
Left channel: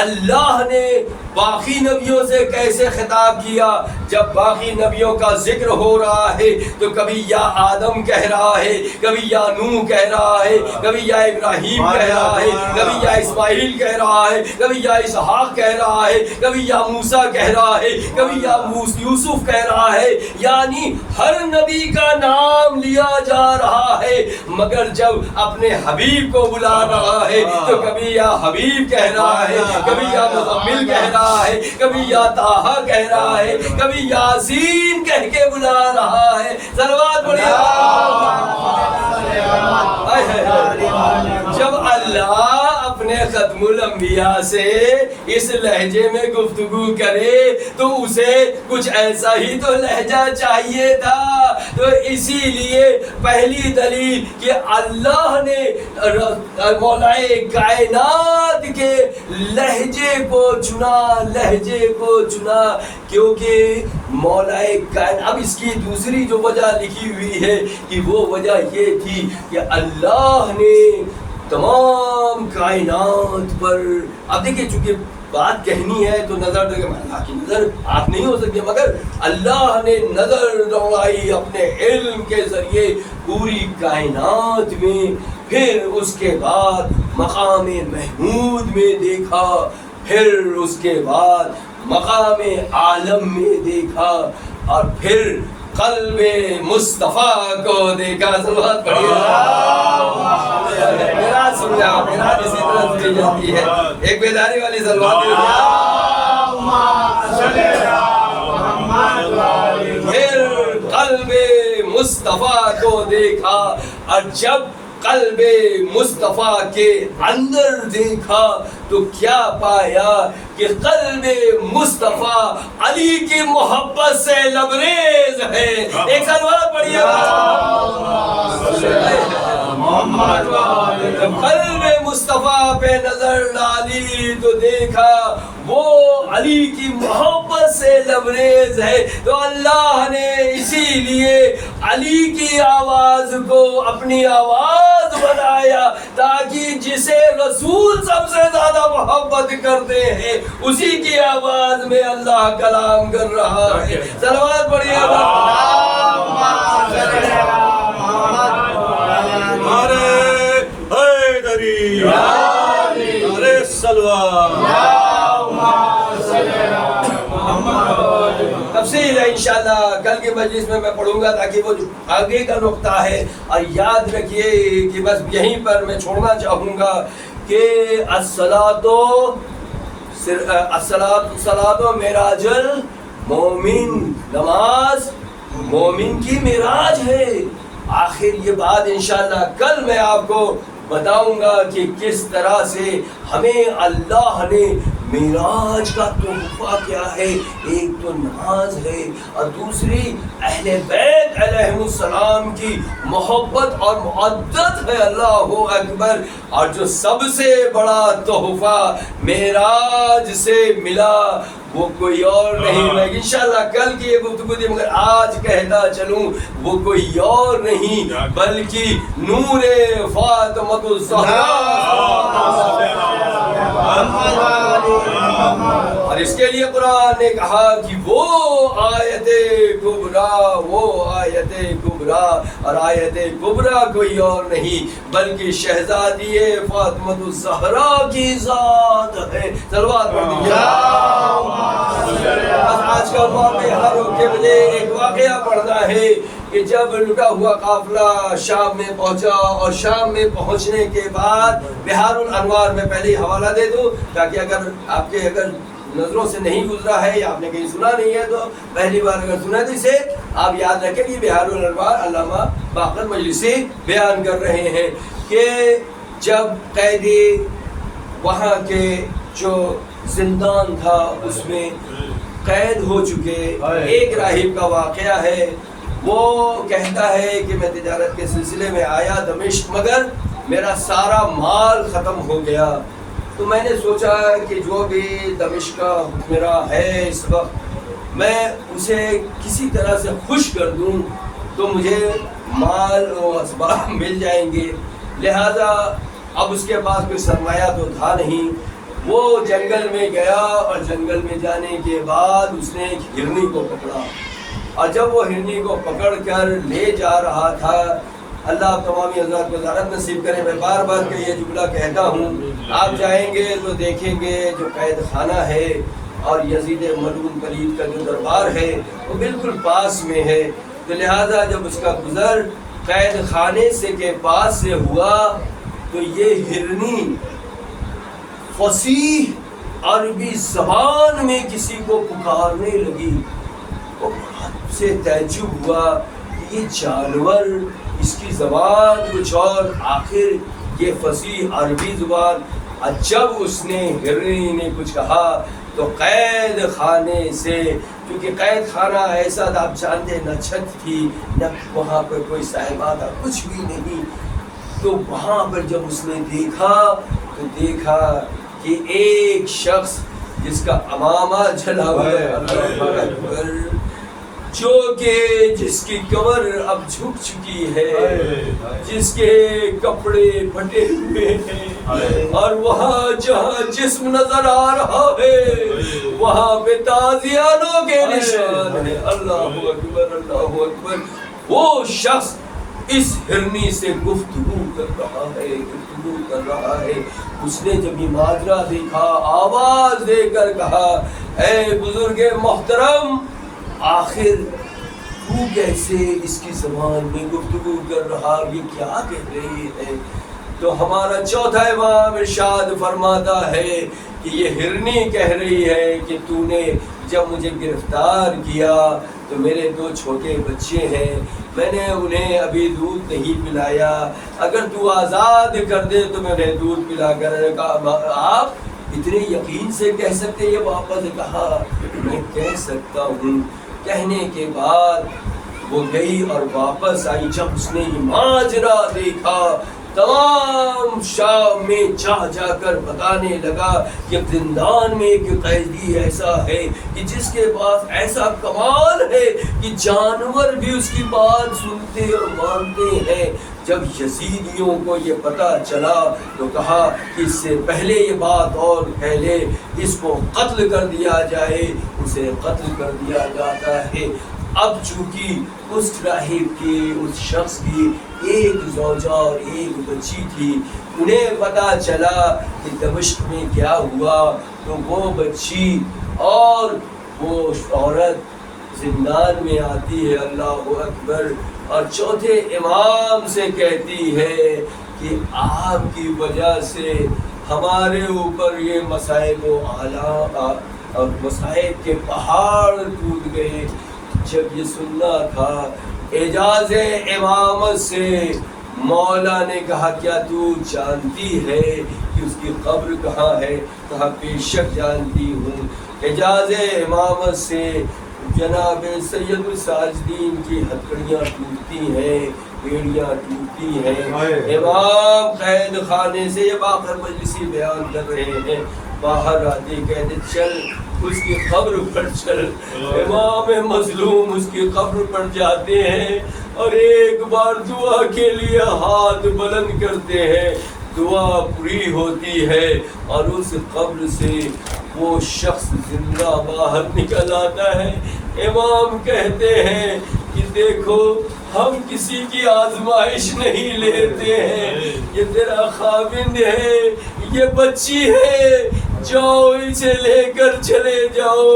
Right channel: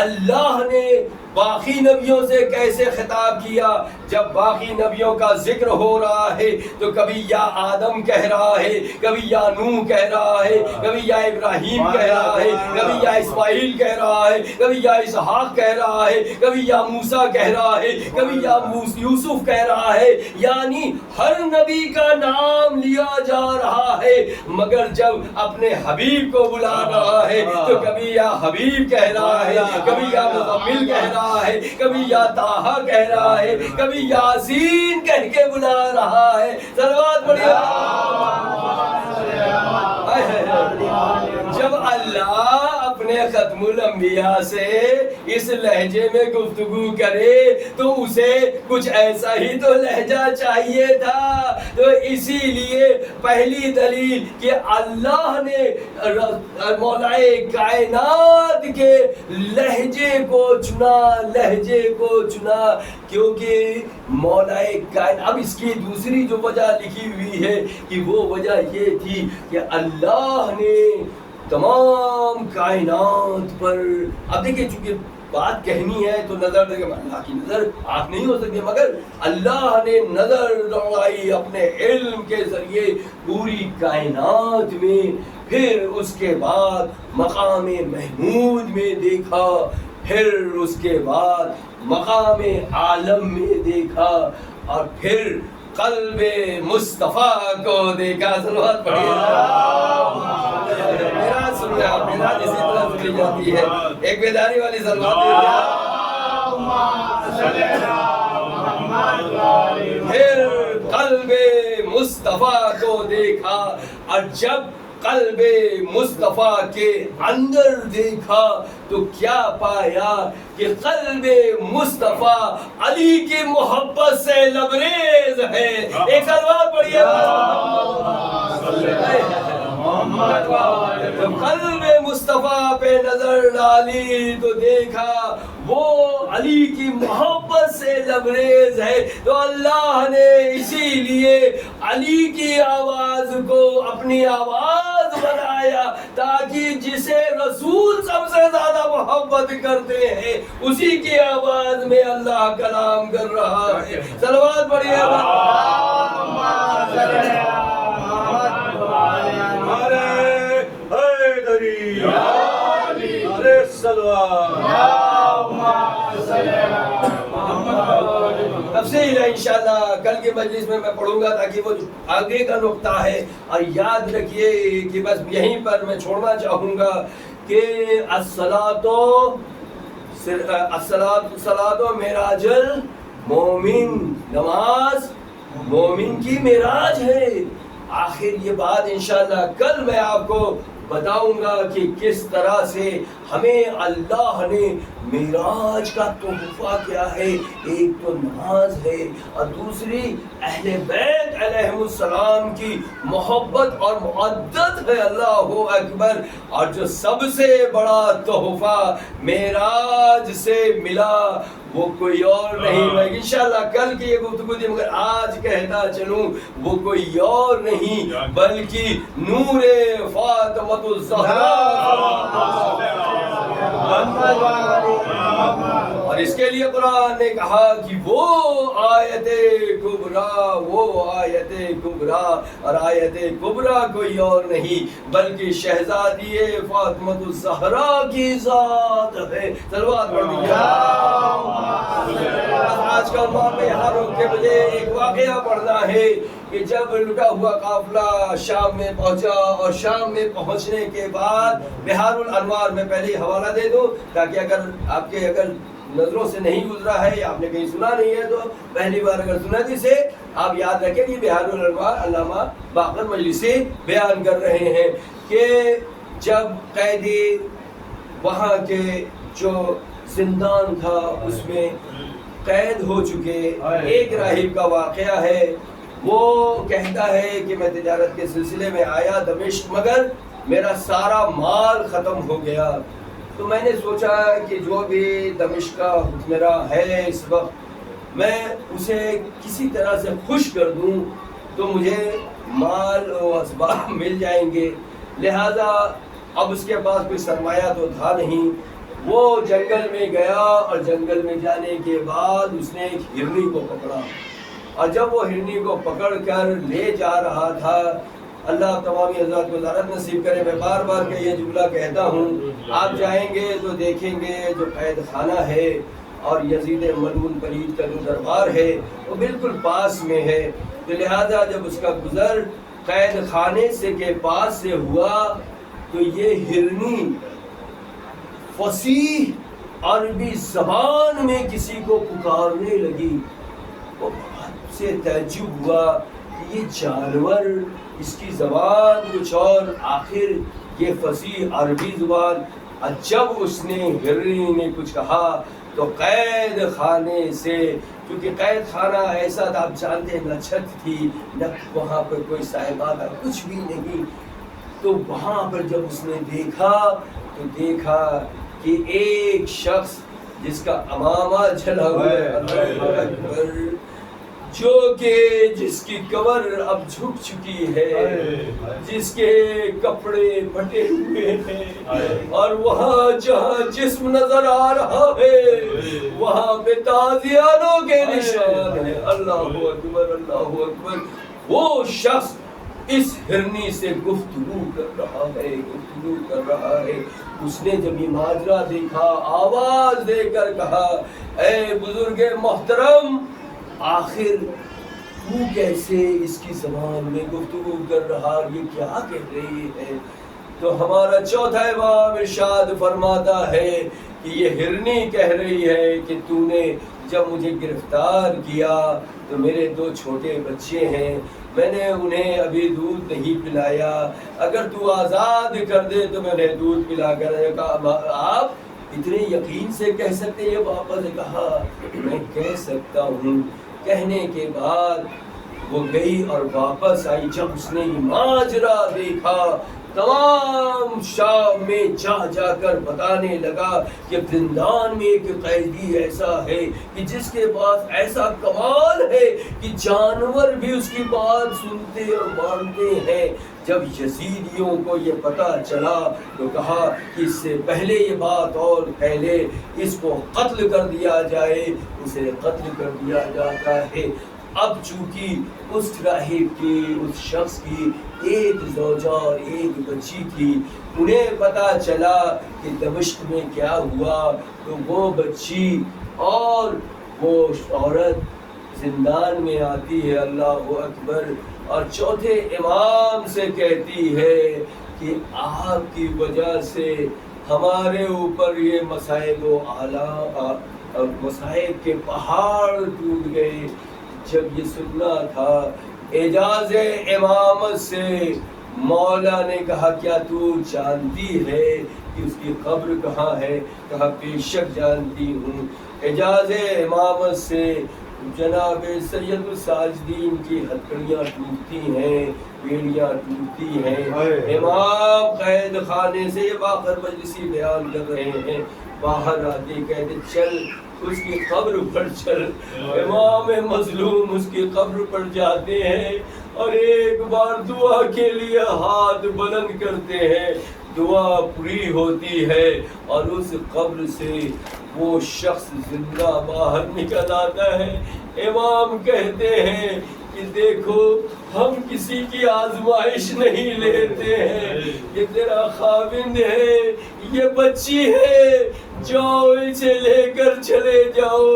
اللہ نے باقی نبیوں سے کیسے خطاب کیا؟ جب باقی نبیوں کا ذکر ہو رہا ہے تو کبھی یا آدم کہہ رہا ہے، کبھی یا نوح کہہ رہا ہے، کبھی یا ابراہیم کہہ رہا ہے، کبھی یا اسماعیل کہہ رہا ہے، کبھی یا اسحاق کہہ رہا ہے، کبھی یا موسیٰ کہہ رہا ہے، کبھی یا یوسف کہہ رہا ہے. یعنی ہر نبی کا نام لیا جا رہا ہے. مگر جب اپنے حبیب کو بلا رہا ہے تو کبھی یا حبیب کہہ رہا ہے، کبھی یا مزمل کہہ رہا ہے، کبھی یا طٰہٰ کہہ رہا ہے، کبھی یاسین کہہ کے بلا رہا ہے. صلوات پڑھیے. جب اللہ اپنے ختم الانبیاء سے اس لہجے میں گفتگو کرے تو اسے کچھ ایسا ہی تو لہجہ چاہیے تھا. تو اسی لیے پہلی دلیل کہ اللہ نے مولا کائنات کے لہجے کو چنا کیونکہ مولا کائنات. اب اس کی دوسری جو وجہ لکھی ہوئی ہے کہ وہ وجہ یہ تھی کہ اللہ نے تمام کائنات پر. اب دیکھیے چونکہ بات کہنی ہے تو نظر دیکھیں اللہ کی نظر آپ نہیں ہو سکتی، مگر اللہ نے نظر دوڑائی اپنے علم کے ذریعے پوری کائنات میں، پھر اس کے بعد مقام محمود میں دیکھا، پھر اس کے بعد مقام عالم میں دیکھا، اور پھر قلب مصطفیٰ کو دیکھا. صلوات پڑھیے. میرا سننا میرا اسی طرح سنی جاتی ہے، ایک بیداری والی صلوات. پھر قلب مصطفیٰ کو دیکھا، اور جب قلب مصطفیٰ کے اندر دیکھا تو کیا پایا کہ قلب مصطفیٰ علی کی محبت سے لبریز ہے. ایک صلوات پڑھیے. جب قلب مصطفیٰ پہ نظر ڈالی تو دیکھا وہ علی کی محبت سے لبریز ہے. تو اللہ نے اسی لیے علی کی آواز کو اپنی آواز بنایا تاکہ جسے رسول سب سے زیادہ محبت کرتے ہیں اسی کی آواز میں اللہ کلام کر رہا ہے. صلوات پڑھیے. تفصیل ہے انشاءاللہ کل کی مجلس میں پڑھوں گا تاکہ وہ جو آگے کا نقطہ ہے. اور یاد رکھیے کہ بس یہیں پر میں چھوڑنا چاہوں گا کہ الصلاۃ معراج المومن، نماز مومن کی معراج ہے. آخر یہ بات انشاءاللہ کل میں آپ کو بتاؤں گا کہ کس طرح سے ہمیں اللہ نے معراج کا تحفہ کیا ہے. ایک تو نماز ہے اور دوسری اہل بیت علیہ السلام کی محبت اور معدت ہے. اللہ اکبر. اور جو سب سے بڑا تحفہ معراج سے ملا وہ کوئی اور نہیں. میں انشاءاللہ کل کی یہ گفتگو تھی مگر آج کہتا چلوں وہ کوئی اور نہیں بلکہ نور فاطمۃ الزہرا. اور اس کے لیے قرآن نے کہا کہ وہ آیت کبریٰ، وہ آیت کبریٰ، اور آیت کبریٰ کوئی اور نہیں بلکہ شہزادی فاطمۃ الزہرا کی ذات ہے. صلوات پڑھیے. آج کا عنوان میں یہاں روک کے مجھے ایک واقعہ پڑھنا ہے کہ جب لٹا ہوا قافلہ شام میں پہنچا اور شام میں پہنچنے کے بعد بہار الانوار میں پہلے حوالہ دے دوں تاکہ اگر نظروں سے نہیں گزرا ہے یا آپ نے کہیں سنا نہیں ہے تو پہلی بار اگر سنا تو اسے آپ یاد رکھیں کہ بہار الانوار علامہ باقر مجلسی بیان کر رہے ہیں کہ جب قیدی وہاں کے جو زندان تھا اس میں قید ہو چکے، ایک راہب کا واقعہ ہے. وہ کہتا ہے کہ میں تجارت کے سلسلے میں آیا دمشق مگر میرا سارا مال ختم ہو گیا. تو میں نے سوچا کہ جو بھی دمشق کا حکمراں ہے اس وقت میں اسے کسی طرح سے خوش کر دوں تو مجھے مال و اسباب مل جائیں گے. لہذا اب اس کے پاس کوئی سرمایہ تو تھا نہیں. وہ جنگل میں گیا اور جنگل میں جانے کے بعد اس نے ایک ہرنی کو پکڑا اور جب وہ ہرنی کو پکڑ کر لے جا رہا تھا، اللہ تمامی حضرات کو زیارت نصیب کرے. میں بار بار کہ یہ جملہ کہتا ہوں، آپ جائیں گے تو دیکھیں گے جو قید خانہ ہے اور یزید ملعون پلید کا جو دربار ہے وہ بالکل پاس میں ہے. تو لہٰذا جب اس کا گزر قید خانے سے کے پاس سے ہوا تو یہ ہرنی فصیح عربی زبان میں کسی کو پکارنے لگی. وہ بہت سے تعجب ہوا کہ یہ جانور اس کی زبان کچھ اور آخر یہ فصیح عربی زبان. جب اس نے ہرنی نے کچھ کہا تو قید خانے سے، کیونکہ قید خانہ ایسا تھا آپ جانتے نہ چھت تھی نہ وہاں پر کوئی صاحبہ تھا، کچھ بھی نہیں. تو وہاں پر جب اس نے دیکھا تو دیکھا کہ ایک شخص جس کا امامہ جلا ہوا ہے، جو کہ جس کی کمر اب جھک چکی ہے، جس کے کپڑے پھٹے ہوئے ہیں، اور وہاں جہاں جسم نظر آ رہا ہے وہاں پہ تازیانوں کے نشان ہے. اللہ اکبر اللہ اکبر. وہ شخص اس ہرنی سے گفتگو کر رہا ہے گفتگو کر رہا ہے. اس نے جب یہ ماجرا دیکھا آواز دے کر کہا اے بزرگ محترم آخر تو کیسے اس کی زبان میں گفتگو کر رہا یہ کیا کہہ رہی ہے. تو ہمارا چوتھا امام ارشاد فرماتا ہے کہ یہ ہرنی کہہ رہی ہے کہ تو نے جب مجھے گرفتار کیا تو میرے 2 چھوٹے بچے ہیں میں نے انہیں ابھی دودھ نہیں پلایا اگر تو آزاد کر دے تو میں انہیں دودھ پلا کر. کہا آپ اتنے یقین سے کہہ سکتے. یہ واپس کہا میں کہہ سکتا ہوں. کہنے کے بعد وہ گئی اور واپس آئی. جب اس نے یہ ماجرا دیکھا تمام شام میں جا جا کر بتانے لگا کہ زندان میں ایک قیدی ایسا ہے کہ جس کے پاس ایسا کمال ہے کہ جانور بھی اس کی بات سنتے اور مانتے ہیں. جب یزیدیوں کو یہ پتہ چلا تو کہا کہ اس سے پہلے یہ بات اور کہہ لے اس کو قتل کر دیا جائے. اسے قتل کر دیا جاتا ہے. اب چونکہ اس راہب کی اس شخص کی ایک زوجہ اور ایک بچی تھی انہیں پتہ چلا کہ دمشق میں کیا ہوا تو وہ بچی اور وہ عورت زندان میں آتی ہے. اللہ اکبر. اور چوتھے امام سے کہتی ہے کہ آپ کی وجہ سے ہمارے اوپر یہ مصائب و آلام اور مصائب کے پہاڑ ٹوٹ گئے. جب یہ سننا تھا اعجاز امامت سے مولا نے کہا کیا تو جانتی ہے کہ اس کی قبر کہاں ہے. کہا بے شک جانتی ہوں. اعجاز امامت سے جناب سید الساجدین کی ہتھکڑیاں ٹوٹتی ہیں بیڑیاں ٹوٹتی ہیں. امام قید خانے سے یہ باقر مجلسی بیان کر رہے ہیں. باہر آتے کہتے چل اس کی قبر پر چل. امام مظلوم اس کی قبر پر جاتے ہیں اور ایک بار دعا کے لیے ہاتھ بلند کرتے ہیں. دعا پوری ہوتی ہے اور اس قبر سے وہ شخص زندہ باہر نکل آتا ہے. امام کہتے ہیں کہ دیکھو ہم کسی کی آزمائش نہیں لیتے ہیں. یہ تیرا خاوند ہے یہ بچی ہے جاؤ اسے لے کر چلے جاؤ.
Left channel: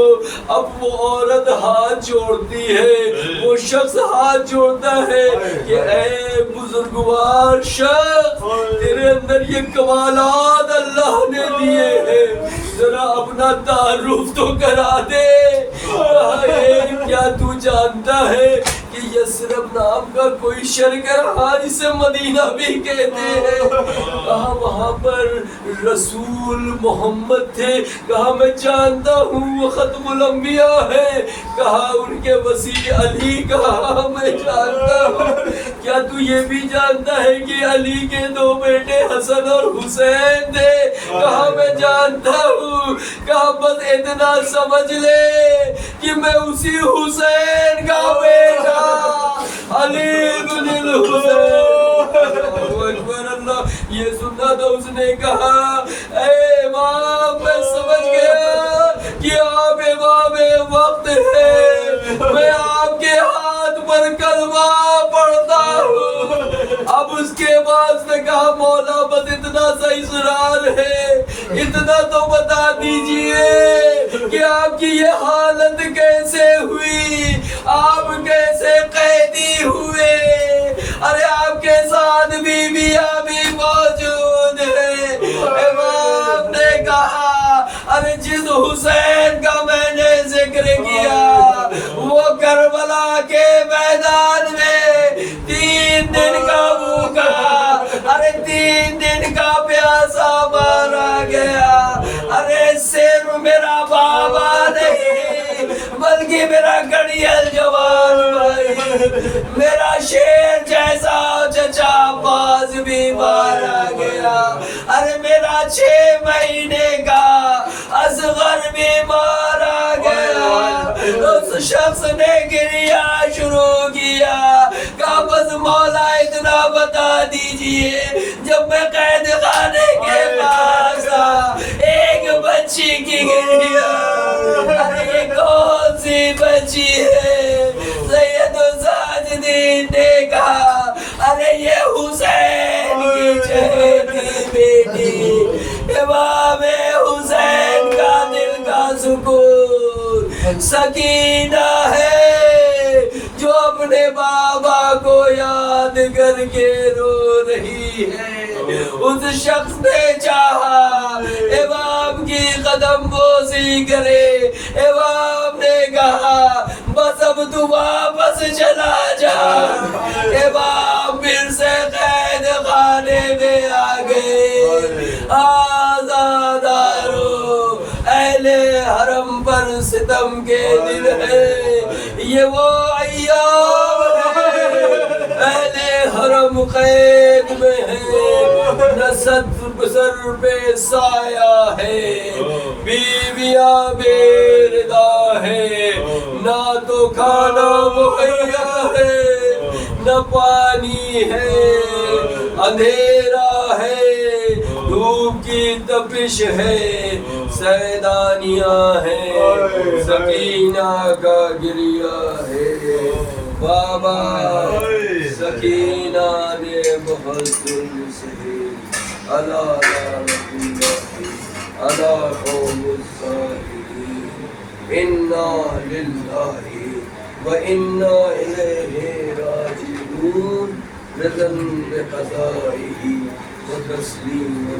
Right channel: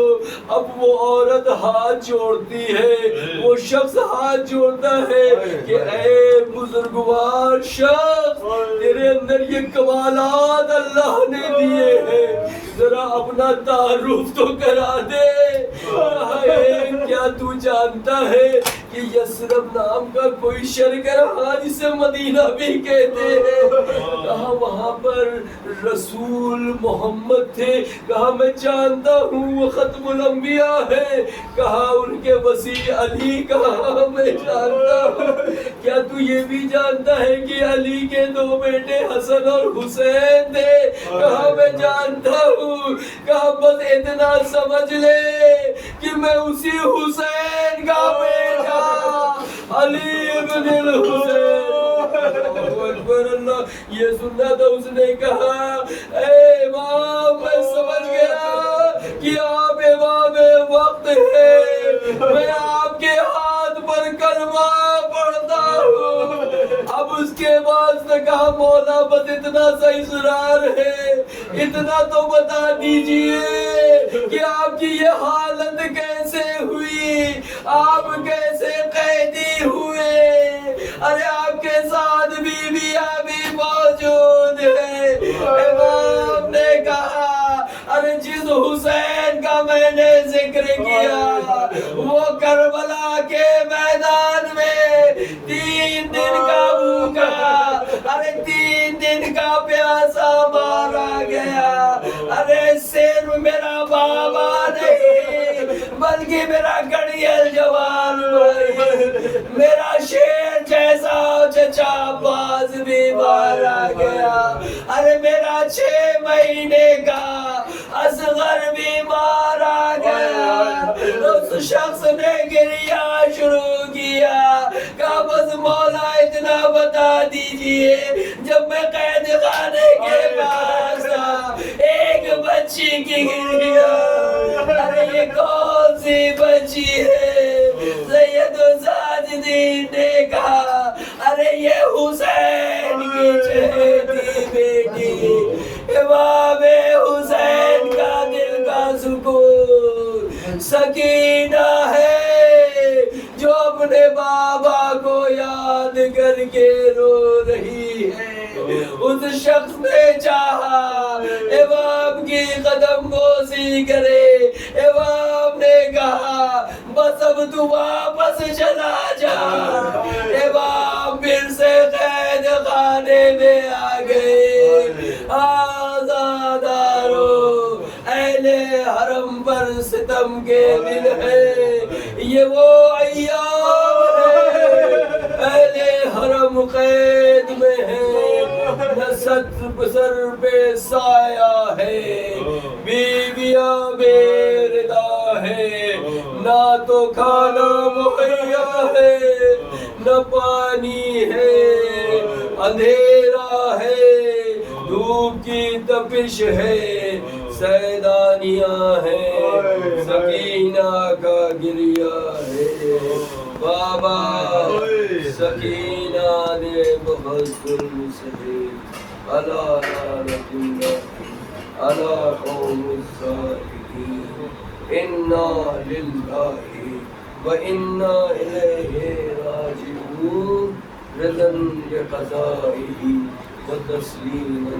اب وہ عورت ہاتھ جوڑتی ہے وہ شخص ہاتھ جوڑتا ہے کہ اے بزرگوار شخص تیرے اندر یہ کمالات اللہ نے دیے ہیں ذرا اپنا تعارف تو کرا دے. کیا تو جانتا ہے کہ یثرب نام کا کوئی شرکر اسے مدینہ بھی کہتے ہیں. کہا وہاں پر رسول محمد تھے. کہا میں جانتا ہوں وہ ختم الانبیاء ہے. کہا ان کے وسیع علی. کہا میں جانتا ہوں. کیا تو یہ بھی جانتا ہے کہ علی کے 2 بیٹے حسن اور حسین تھے. کہا میں جانتا ہوں. کہا بس اتنا سمجھ لے کہ میں اسی حسین کا بیٹا علی بن الحسین. اکبر اللہ. یہ سننا تھا اس نے کہا اے امام میں سمجھ گیا کہ آپ امام وقت ہے. میں آپ کے ہاتھ پر کلمہ پڑھتا ہوں. اب اس کے بعد نے کہا مولا بس اتنا سا اصرار ہے اتنا تو بتا دیجئے کہ آپ کی یہ حالت کیسے ہوئی آپ کیسے قیدی ہوئے. ارے آپ کے ساتھ بیویاں بھی موجود ہیں. امام نے کہا ارے جس حسین کا میں نے ذکر کیا وہ کربلا کے میدان میں 3 دن کا بھوکا ارے 3 دن کا پیاسا مارا گیا. ارے صرف میرا بابا نہیں بلکہ میرا گڑیل جوان بھائی میرا شیر جیسا چچا باز بھی مارا گیا. ارے میرا 6 مہینے کا اصغر بھی مارا گیا. اس شخص نے گریا شروع کیا. کہا بس مولا اتنا بتا دیجئے جب میں قید خانے کے بعد سکینہ ہے جو اپنے بابا کو یاد کر کے رو رہی ہے. اس شخص نے چاہا امام کی قدم بوسی کرے. امام نے کہا بس اب تو واپس چلا جا. امام پھر سے قید خانے میں آ گئے. آزادارو اہل حرم پر ستم کے دن ہے یہ وہ ایام ہے. اہل حرم قید میں ہے نہ سر پہ سایہ ہے. بیویاں بے ردا ہے نہ تو کھانا مہیا ہے نہ پانی ہے. اندھیرا ہے دھوپ کی تپش ہے سیدانیاں ہیں سکینہ کا گریہ ہے. بابا سکینہ نے بہت ظلم سہے. الا قوم الظالمین. انا للہ وانا الیہ راجعون. رضا بقضائہ وتسلیما